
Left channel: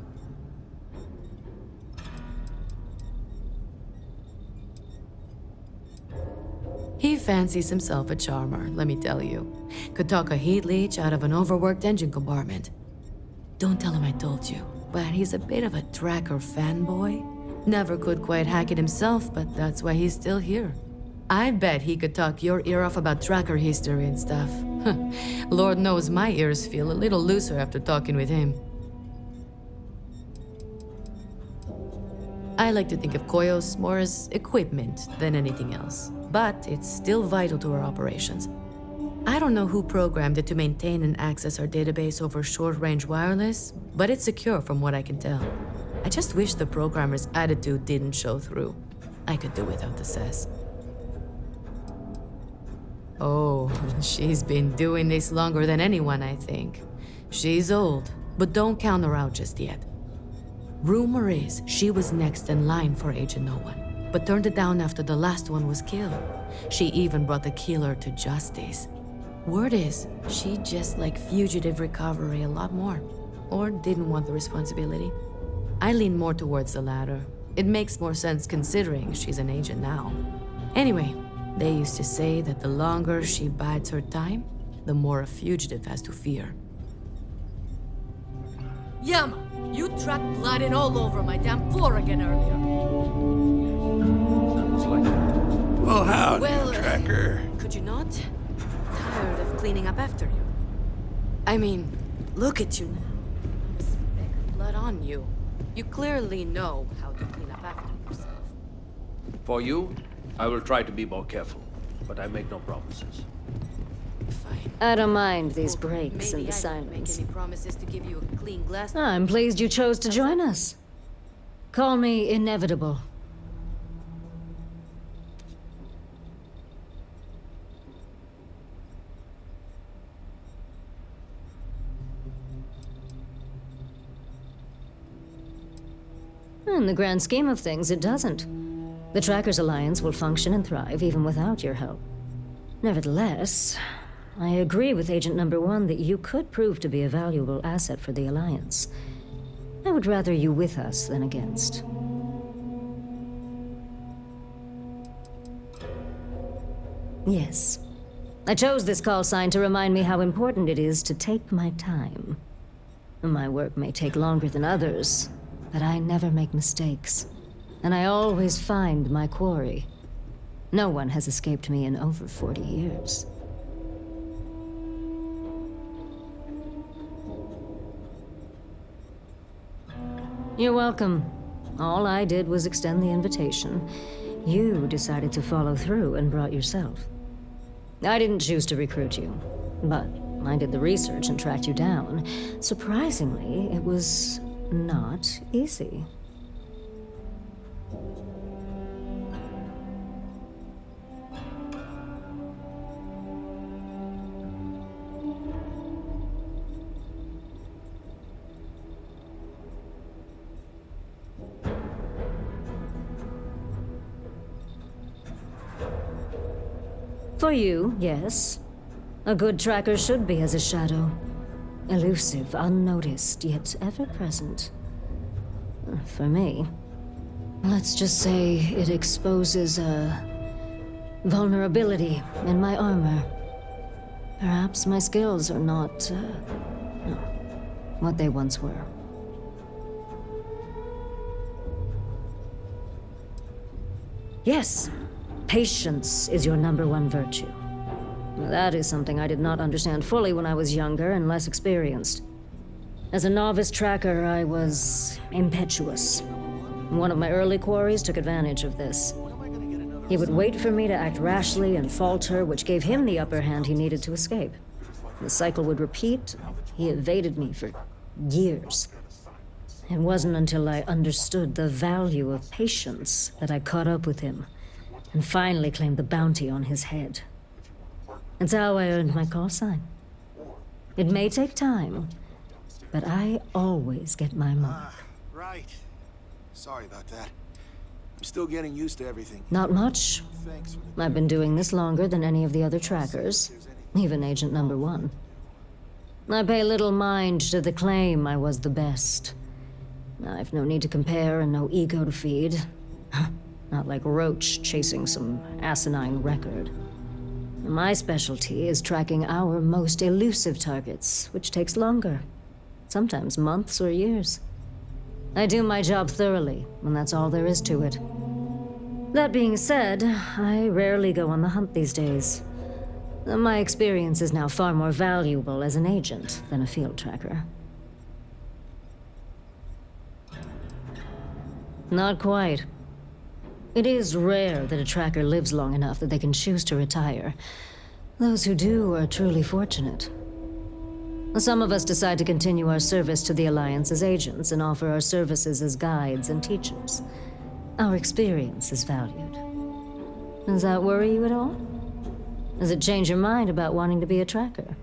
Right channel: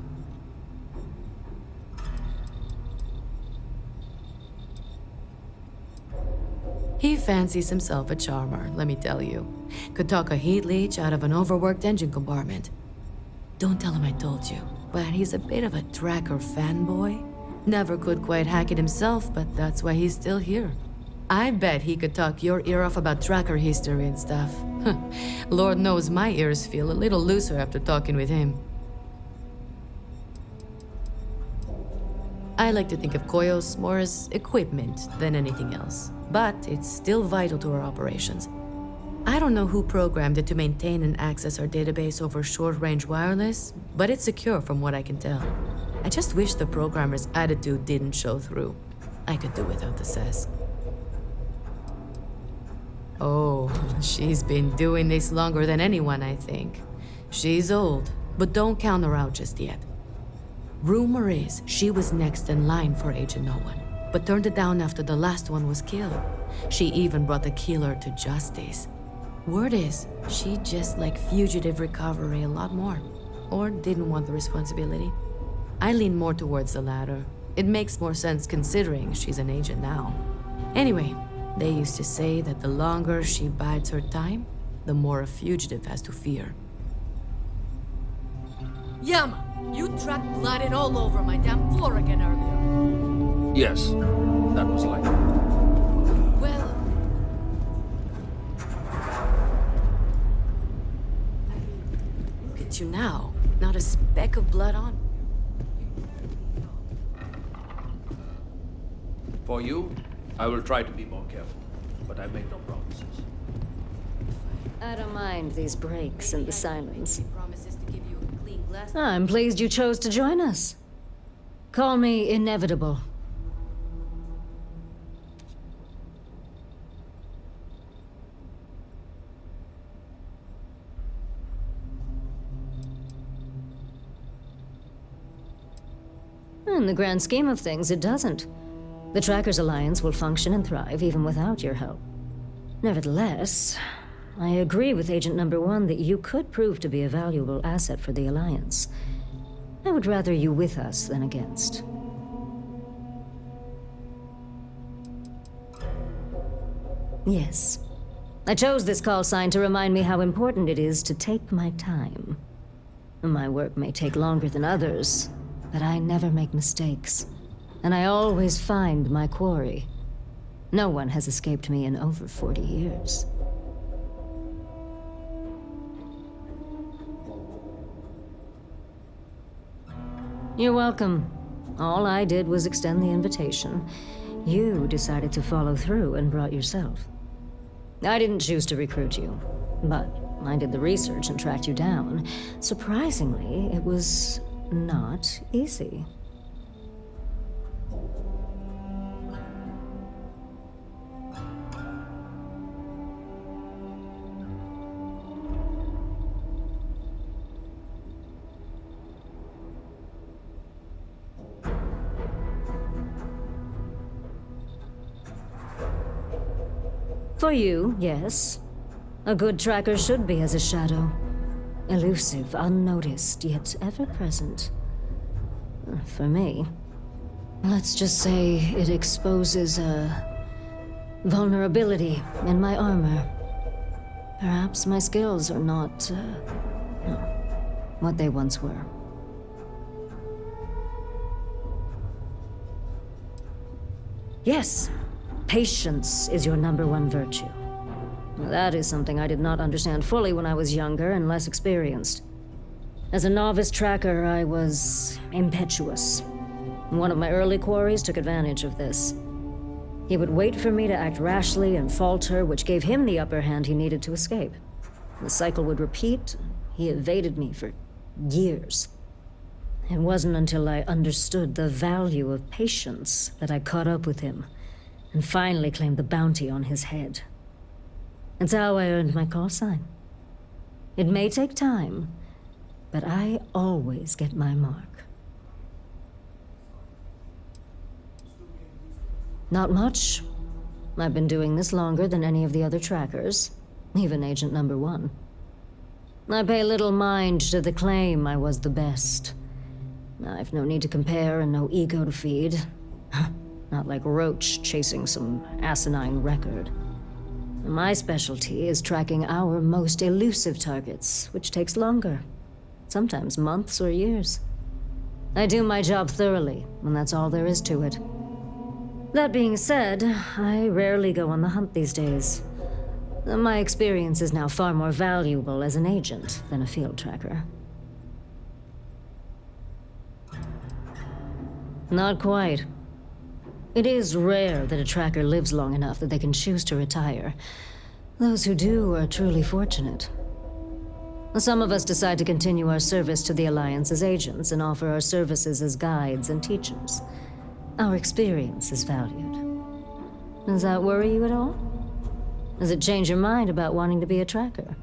He fancies himself a charmer, let me tell you. Could talk a heat leech out of an overworked engine compartment. Don't tell him I told you, but he's a bit of a tracker fanboy. Never could quite hack it himself, but that's why he's still here. I bet he could talk your ear off about tracker history and stuff. Lord knows my ears feel a little looser after talking with him. I like to think of Koyos more as equipment than anything else, but it's still vital to our operations. I don't know who programmed it to maintain and access our database over short-range wireless, but it's secure from what I can tell. I just wish the programmer's attitude didn't show through. I could do without the sass. Oh, she's been doing this longer than anyone, I think. She's old, but don't count her out just yet. Rumor is she was next in line for Agent No One, but turned it down after the last one was killed. She even brought the killer to justice. Word is, she just liked fugitive recovery a lot more, or didn't want the responsibility. I lean more towards the latter. It makes more sense considering she's an agent now. Anyway, they used to say that the longer she bides her time, the more a fugitive has to fear. Yama, you tracked blood in all over my damn floor again earlier. Yes, that was like it. Well, how, Well, Tracker? Could you not? Tired of cleaning up after you. I mean, look at you now. Not a speck of blood on you. You clearly know how to clean up after yourself. For you, I will try to be more careful, but I make no promises. I don't mind these breaks and the Maybe I don't make silence. any promises to give you a clean glass. I'm pleased you chose to join us. Call me inevitable. In the grand scheme of things, it doesn't. The Trackers Alliance will function and thrive even without your help. Nevertheless, I agree with Agent Number 1 that you could prove to be a valuable asset for the Alliance. I would rather you with us than against. Yes. I chose this call sign to remind me how important it is to take my time. My work may take longer than others, but I never make mistakes. And I always find my quarry. No one has escaped me in over 40 years. You're welcome. All I did was extend the invitation. You decided to follow through and brought yourself. I didn't choose to recruit you, but I did the research and tracked you down. Surprisingly, it was not easy. For you, yes. A good tracker should be as a shadow. Elusive, unnoticed, yet ever-present. For me, let's just say it exposes a vulnerability in my armor. Perhaps my skills are not, what they once were. Yes, patience is your number one virtue. That is something I did not understand fully when I was younger and less experienced. As a novice tracker, I was impetuous. One of my early quarries took advantage of this. He would wait for me to act rashly and falter, which gave him the upper hand he needed to escape. The cycle would repeat. He evaded me for years. It wasn't until I understood the value of patience that I caught up with him and finally claimed the bounty on his head. It's how I earned my call sign. It may take time, but I always get my mark. Right. Sorry about that. I'm still getting used to everything. Not much. I've been doing this longer than any of the other trackers, even Agent Number 1. I pay little mind to the claim I was the best. I've no need to compare and no ego to feed. Not like Roach chasing some asinine record. My specialty is tracking our most elusive targets, which takes longer. Sometimes months or years. I do my job thoroughly, and that's all there is to it. That being said, I rarely go on the hunt these days. My experience is now far more valuable as an agent than a field tracker. Not quite. It is rare that a tracker lives long enough that they can choose to retire. Those who do are truly fortunate. Some of us decide to continue our service to the Alliance as agents and offer our services as guides and teachers. Our experience is valued. Does that worry you at all? Does it change your mind about wanting to be a tracker?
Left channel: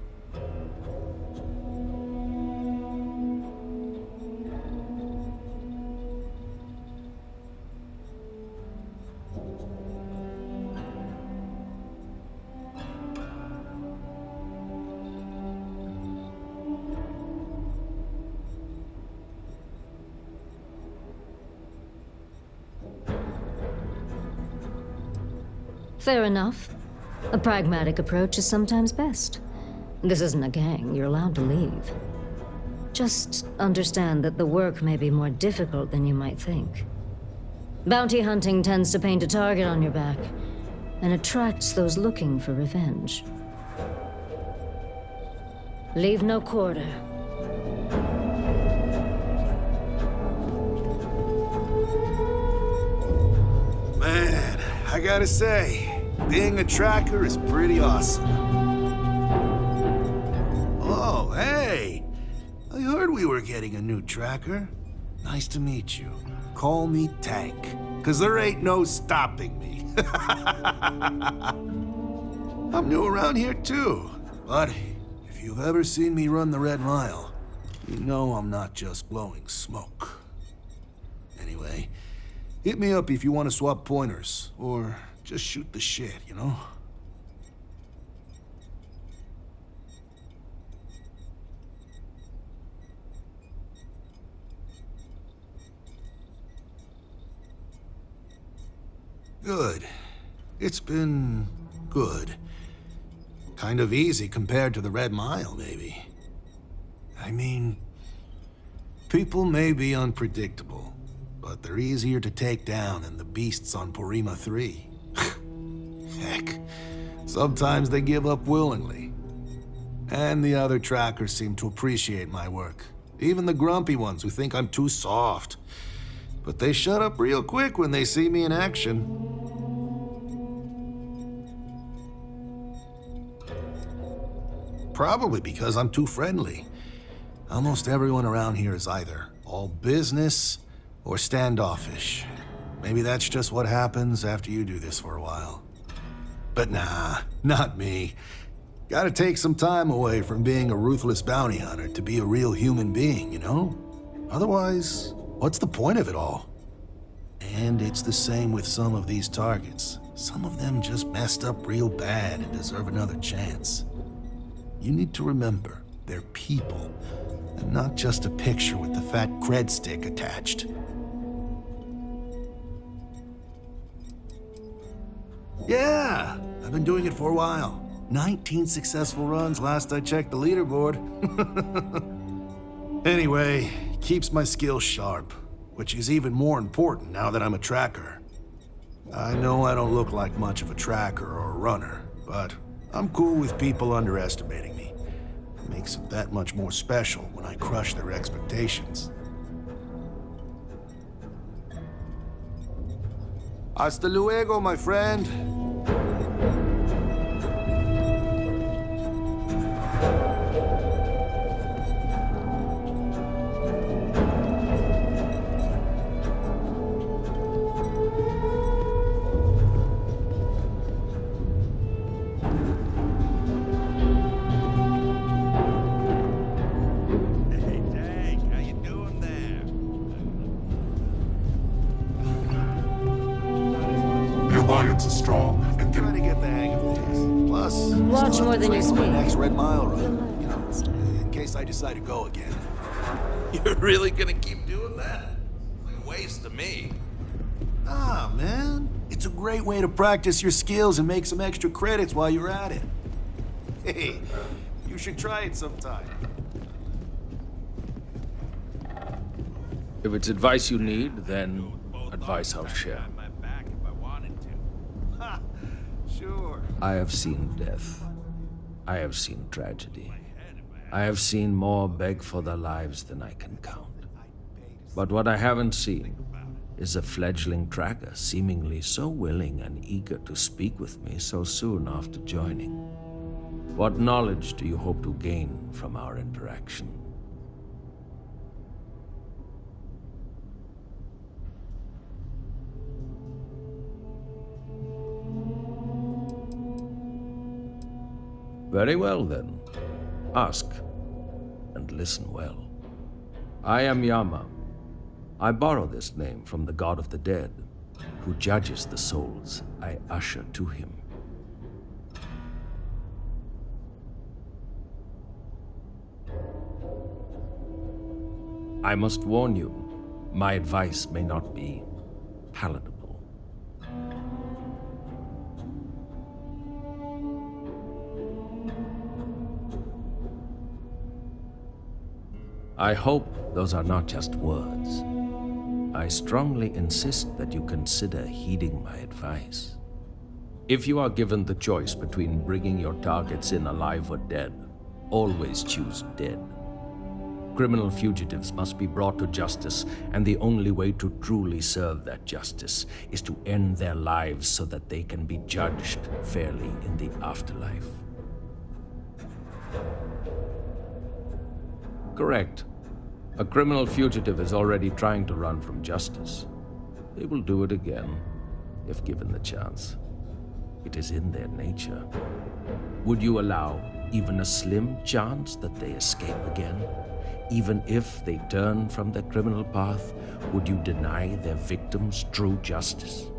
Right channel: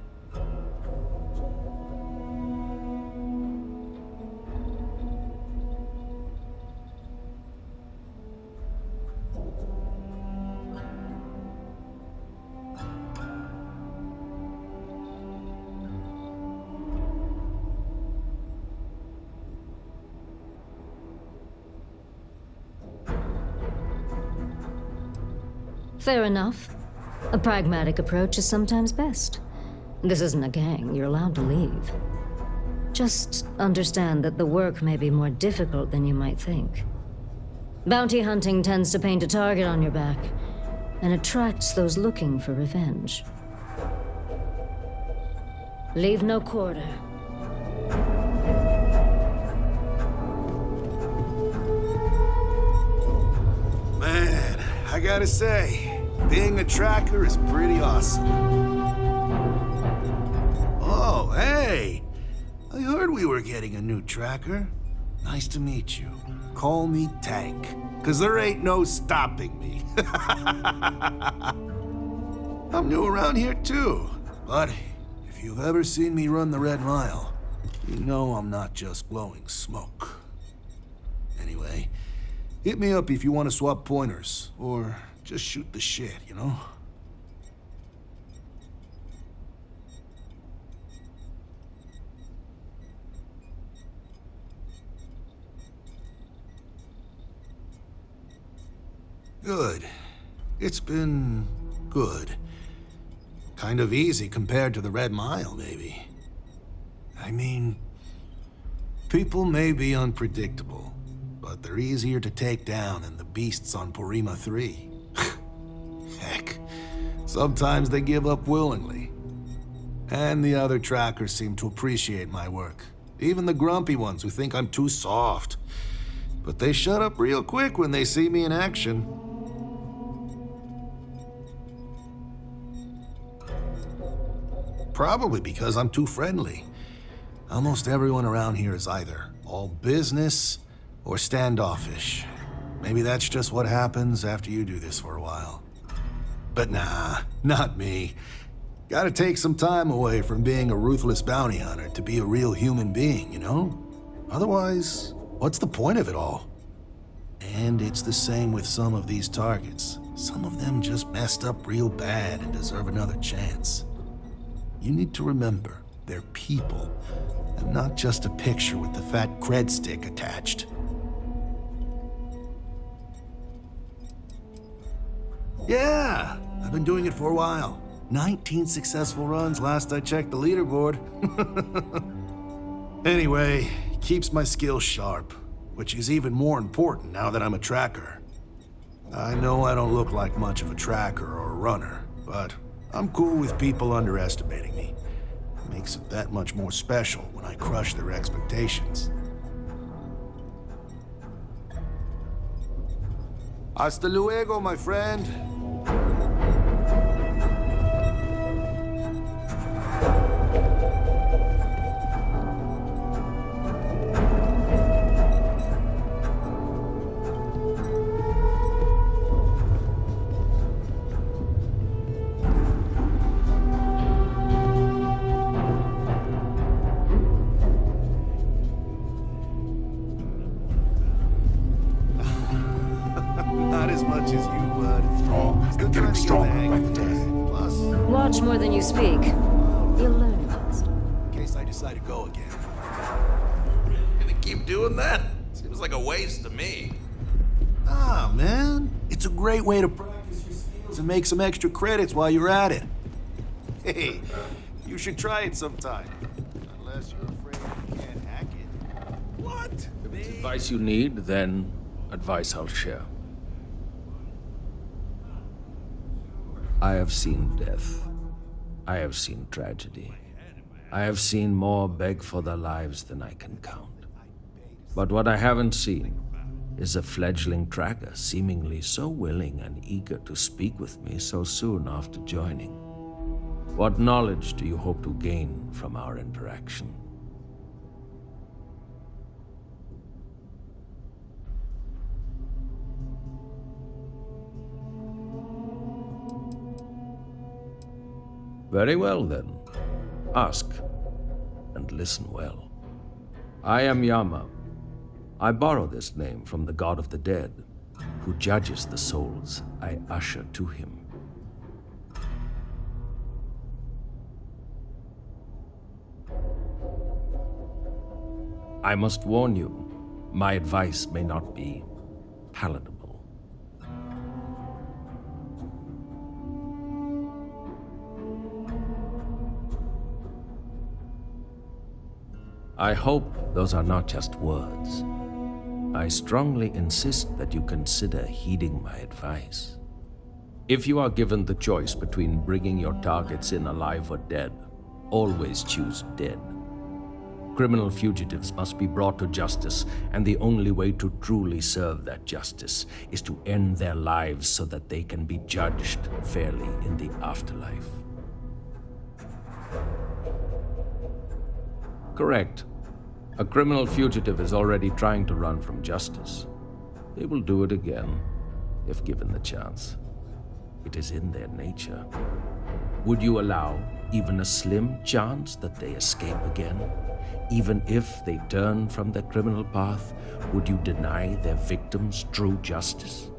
Fair enough. A pragmatic approach is sometimes best. This isn't a gang, you're allowed to leave. Just understand that the work may be more difficult than you might think. Bounty hunting tends to paint a target on your back, and attracts those looking for revenge. Leave no quarter. Man, I gotta say, being a tracker is pretty awesome. Oh, hey! I heard we were getting a new tracker. Nice to meet you. Call me Tank, 'cause there ain't no stopping me. I'm new around here too, but if you've ever seen me run the Red Mile, you know I'm not just blowing smoke. Anyway, hit me up if you want to swap pointers, or just shoot the shit, you know? Good. It's been good. Kind of easy compared to the Red Mile, maybe. I mean, people may be unpredictable, but they're easier to take down than the beasts on Porima 3. Heck, sometimes they give up willingly. And the other trackers seem to appreciate my work. Even the grumpy ones who think I'm too soft. But they shut up real quick when they see me in action. Probably because I'm too friendly. Almost everyone around here is either all business or standoffish. Maybe that's just what happens after you do this for a while. But nah, not me. Gotta take some time away from being a ruthless bounty hunter to be a real human being, you know? Otherwise, what's the point of it all? And it's the same with some of these targets. Some of them just messed up real bad and deserve another chance. You need to remember, they're people, and not just a picture with the fat cred stick attached. Yeah, I've been doing it for a while. 19 successful runs last I checked the leaderboard. Anyway, keeps my skills sharp, which is even more important now that I'm a tracker. I know I don't look like much of a tracker or a runner, but I'm cool with people underestimating me. It makes it that much more special when I crush their expectations. Hasta luego, my friend. defense is strong and getting stronger by the day. Plus, Watch more than you speak. nice Red Mile run. You'll learn faster. In case I decide to go again. You're really gonna keep doing that? Seems like a waste to me. Ah, man. It's a great way to practice your skills and make some extra credits while you're at it. Hey, you should try it sometime. Unless you're afraid you can't hack it. What? If it's advice you need, then advice I'll share. Sure. I have seen death. I have seen tragedy. I have seen more beg for their lives than I can count. But what I haven't seen is a fledgling tracker seemingly so willing and eager to speak with me so soon after joining. What knowledge do you hope to gain from our interaction? Very well, then. Ask, and listen well. I am Yama. I borrow this name from the god of the dead, who judges the souls I usher to him. I must warn you, my advice may not be palatable. I hope those are not just words. I strongly insist that you consider heeding my advice. If you are given the choice between bringing your targets in alive or dead, always choose dead. Criminal fugitives must be brought to justice, and the only way to truly serve that justice is to end their lives so that they can be judged fairly in the afterlife. Correct. A criminal fugitive is already trying to run from justice. They will do it again, if given the chance. It is in their nature. Would you allow even a slim chance that they escape again? Even if they turn from their criminal path, would you deny their victims true justice?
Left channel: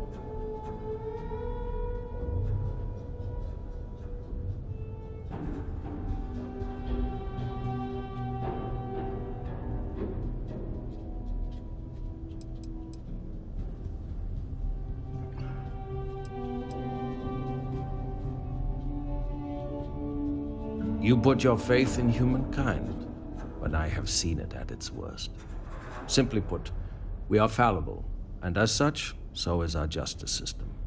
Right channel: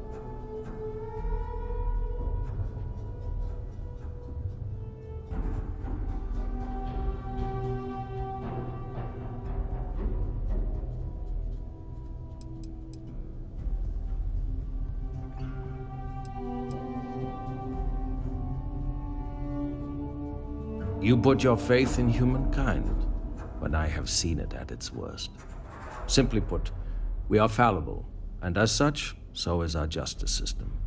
You put your faith in humankind when I have seen it at its worst. Simply put, we are fallible, and as such, so is our justice system.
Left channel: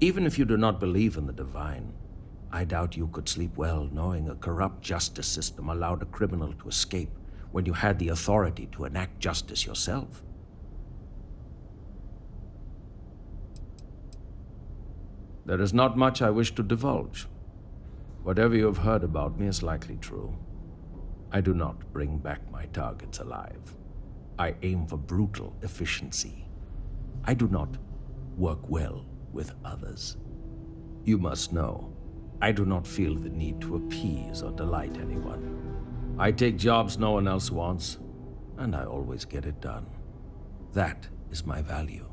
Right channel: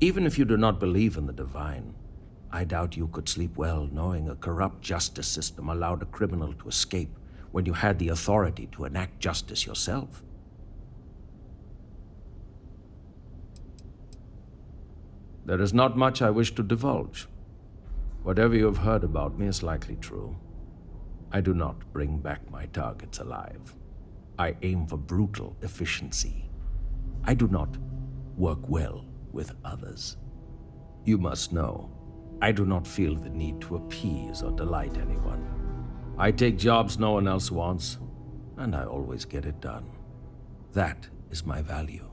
Even if you do not believe in the divine, I doubt you could sleep well knowing a corrupt justice system allowed a criminal to escape when you had the authority to enact justice yourself. There is not much I wish to divulge. Whatever you have heard about me is likely true. I do not bring back my targets alive. I aim for brutal efficiency. I do not work well with others. You must know, I do not feel the need to appease or delight anyone. I take jobs no one else wants, and I always get it done. That is my value.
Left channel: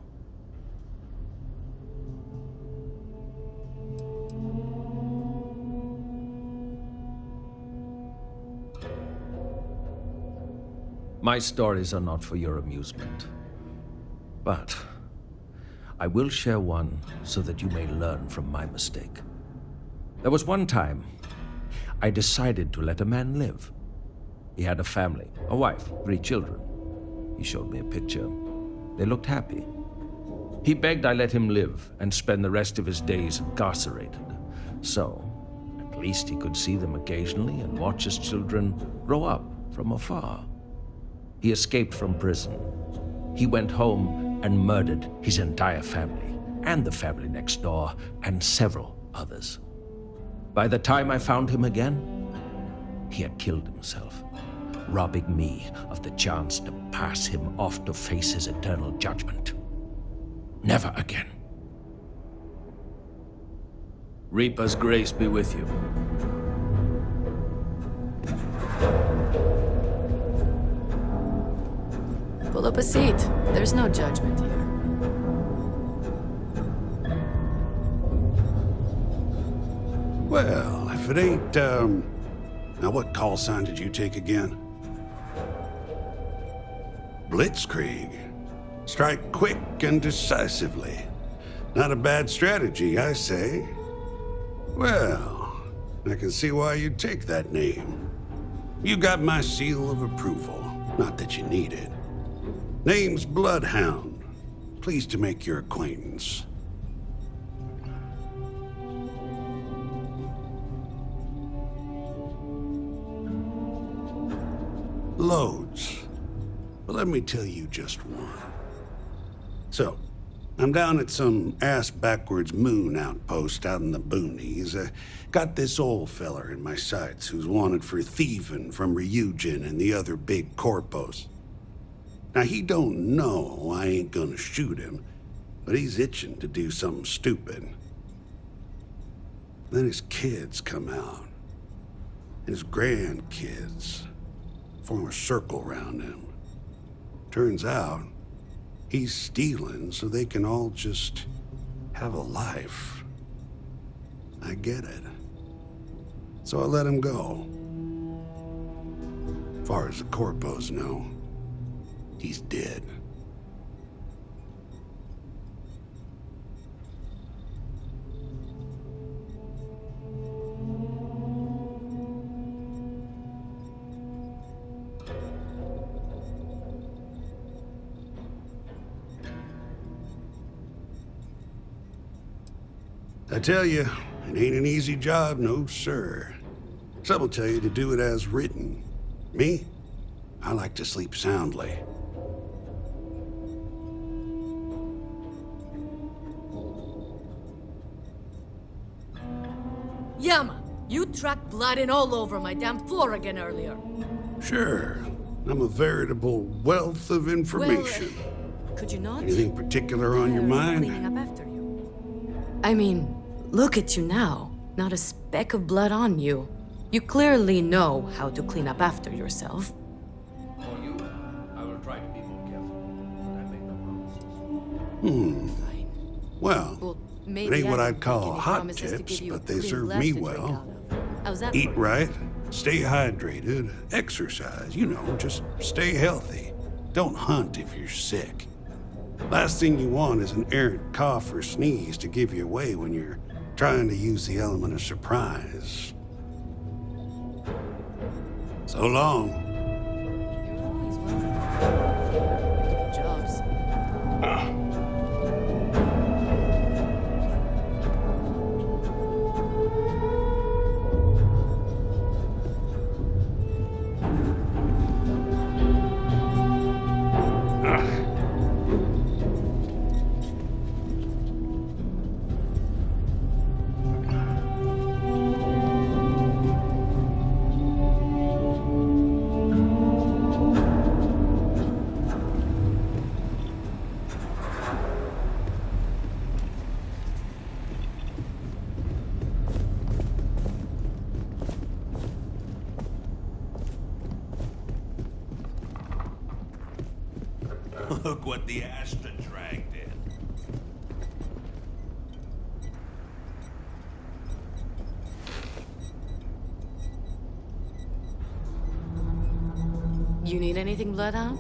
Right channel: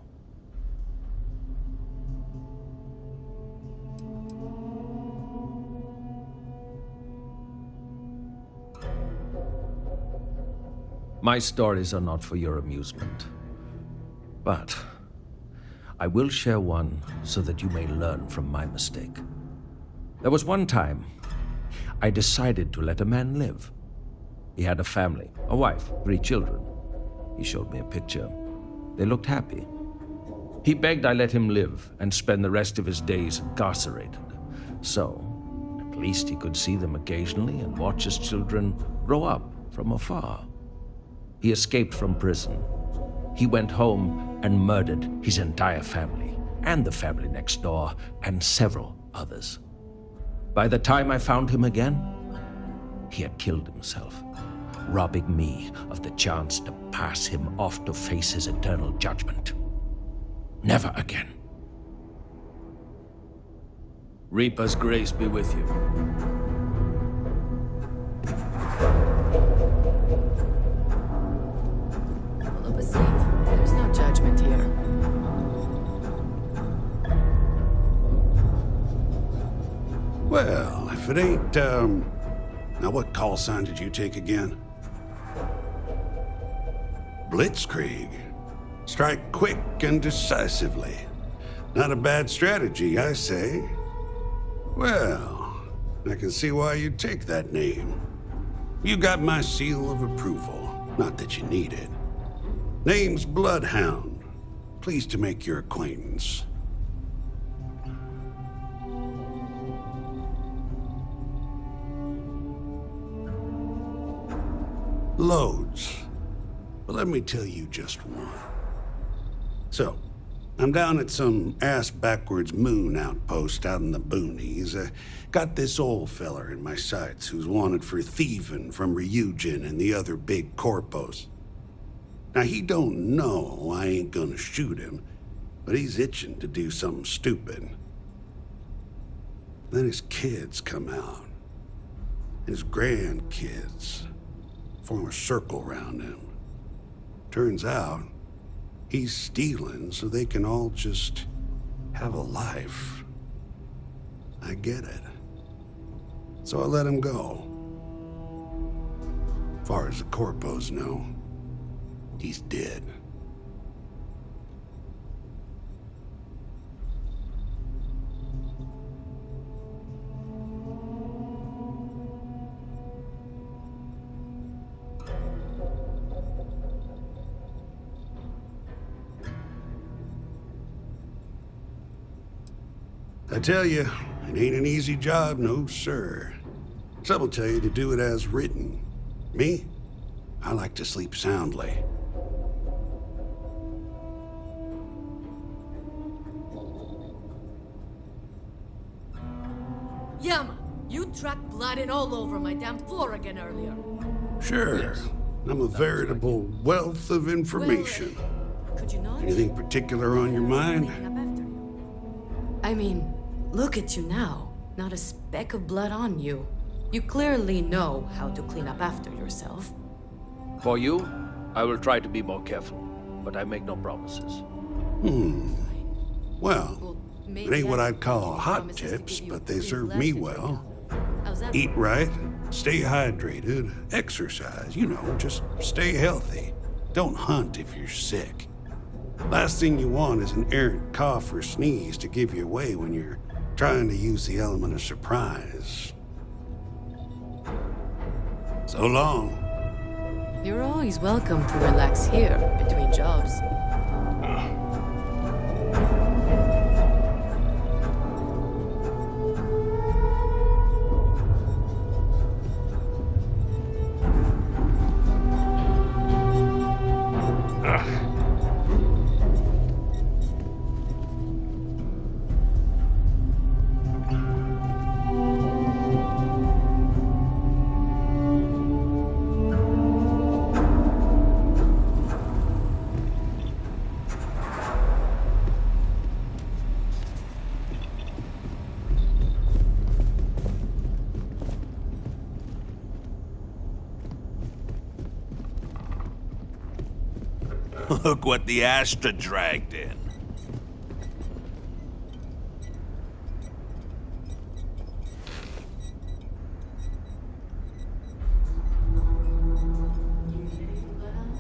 My stories are not for your amusement, but I will share one so that you may learn from my mistake. There was one time I decided to let a man live. He had a family, a wife, 3 children. He showed me a picture. They looked happy. He begged I let him live and spend the rest of his days incarcerated. So, at least he could see them occasionally and watch his children grow up from afar. He escaped from prison. He went home and murdered his entire family, and the family next door, and several others. By the time I found him again, he had killed himself, robbing me of the chance to pass him off to face his eternal judgment. Never again. Reaper's grace be with you. Pull up a seat. There's no judgment here. if it ain't, Now, what call sign did you take again? Blitzkrieg. Strike quick and decisively. Not a bad strategy, I say. Well, I can see why you'd take that name. You got my seal of approval. Not that you need it. Name's Bloodhound. Pleased to make your acquaintance. Loads. But let me tell you just one. So, I'm down at some ass-backwards moon outpost out in the boonies. Got this old feller in my sights who's wanted for thieving from Ryujin and the other big corpos. Now, he don't know I ain't gonna shoot him, but he's itching to do something stupid. Then his kids come out. His grandkids form a circle around him. Turns out, he's stealing so they can all just have a life. I get it. So I let him go. Far as the corpos know, he's dead. I tell you, it ain't an easy job, no sir. Some will tell you to do it as written. Me? I like to sleep soundly. Yama, you tracked blood in all over my damn floor again earlier. Sure. I'm a veritable wealth of information. Could you not? Anything particular on your mind? Cleaning up after you. I mean, look at you now. Not a speck of blood on you. You clearly know how to clean up after yourself. For you, I will try to be more careful, but I make no promises. Well, it ain't what I'd call hot tips, but they serve me well. Eat right, stay hydrated, exercise, you know, just stay healthy. Don't hunt if you're sick. Last thing you want is an errant cough or sneeze to give you away when you're trying to use the element of surprise. So long. You're always welcome to relax here, between jobs. Look what the Astra dragged in. You need anything, Bloodhound?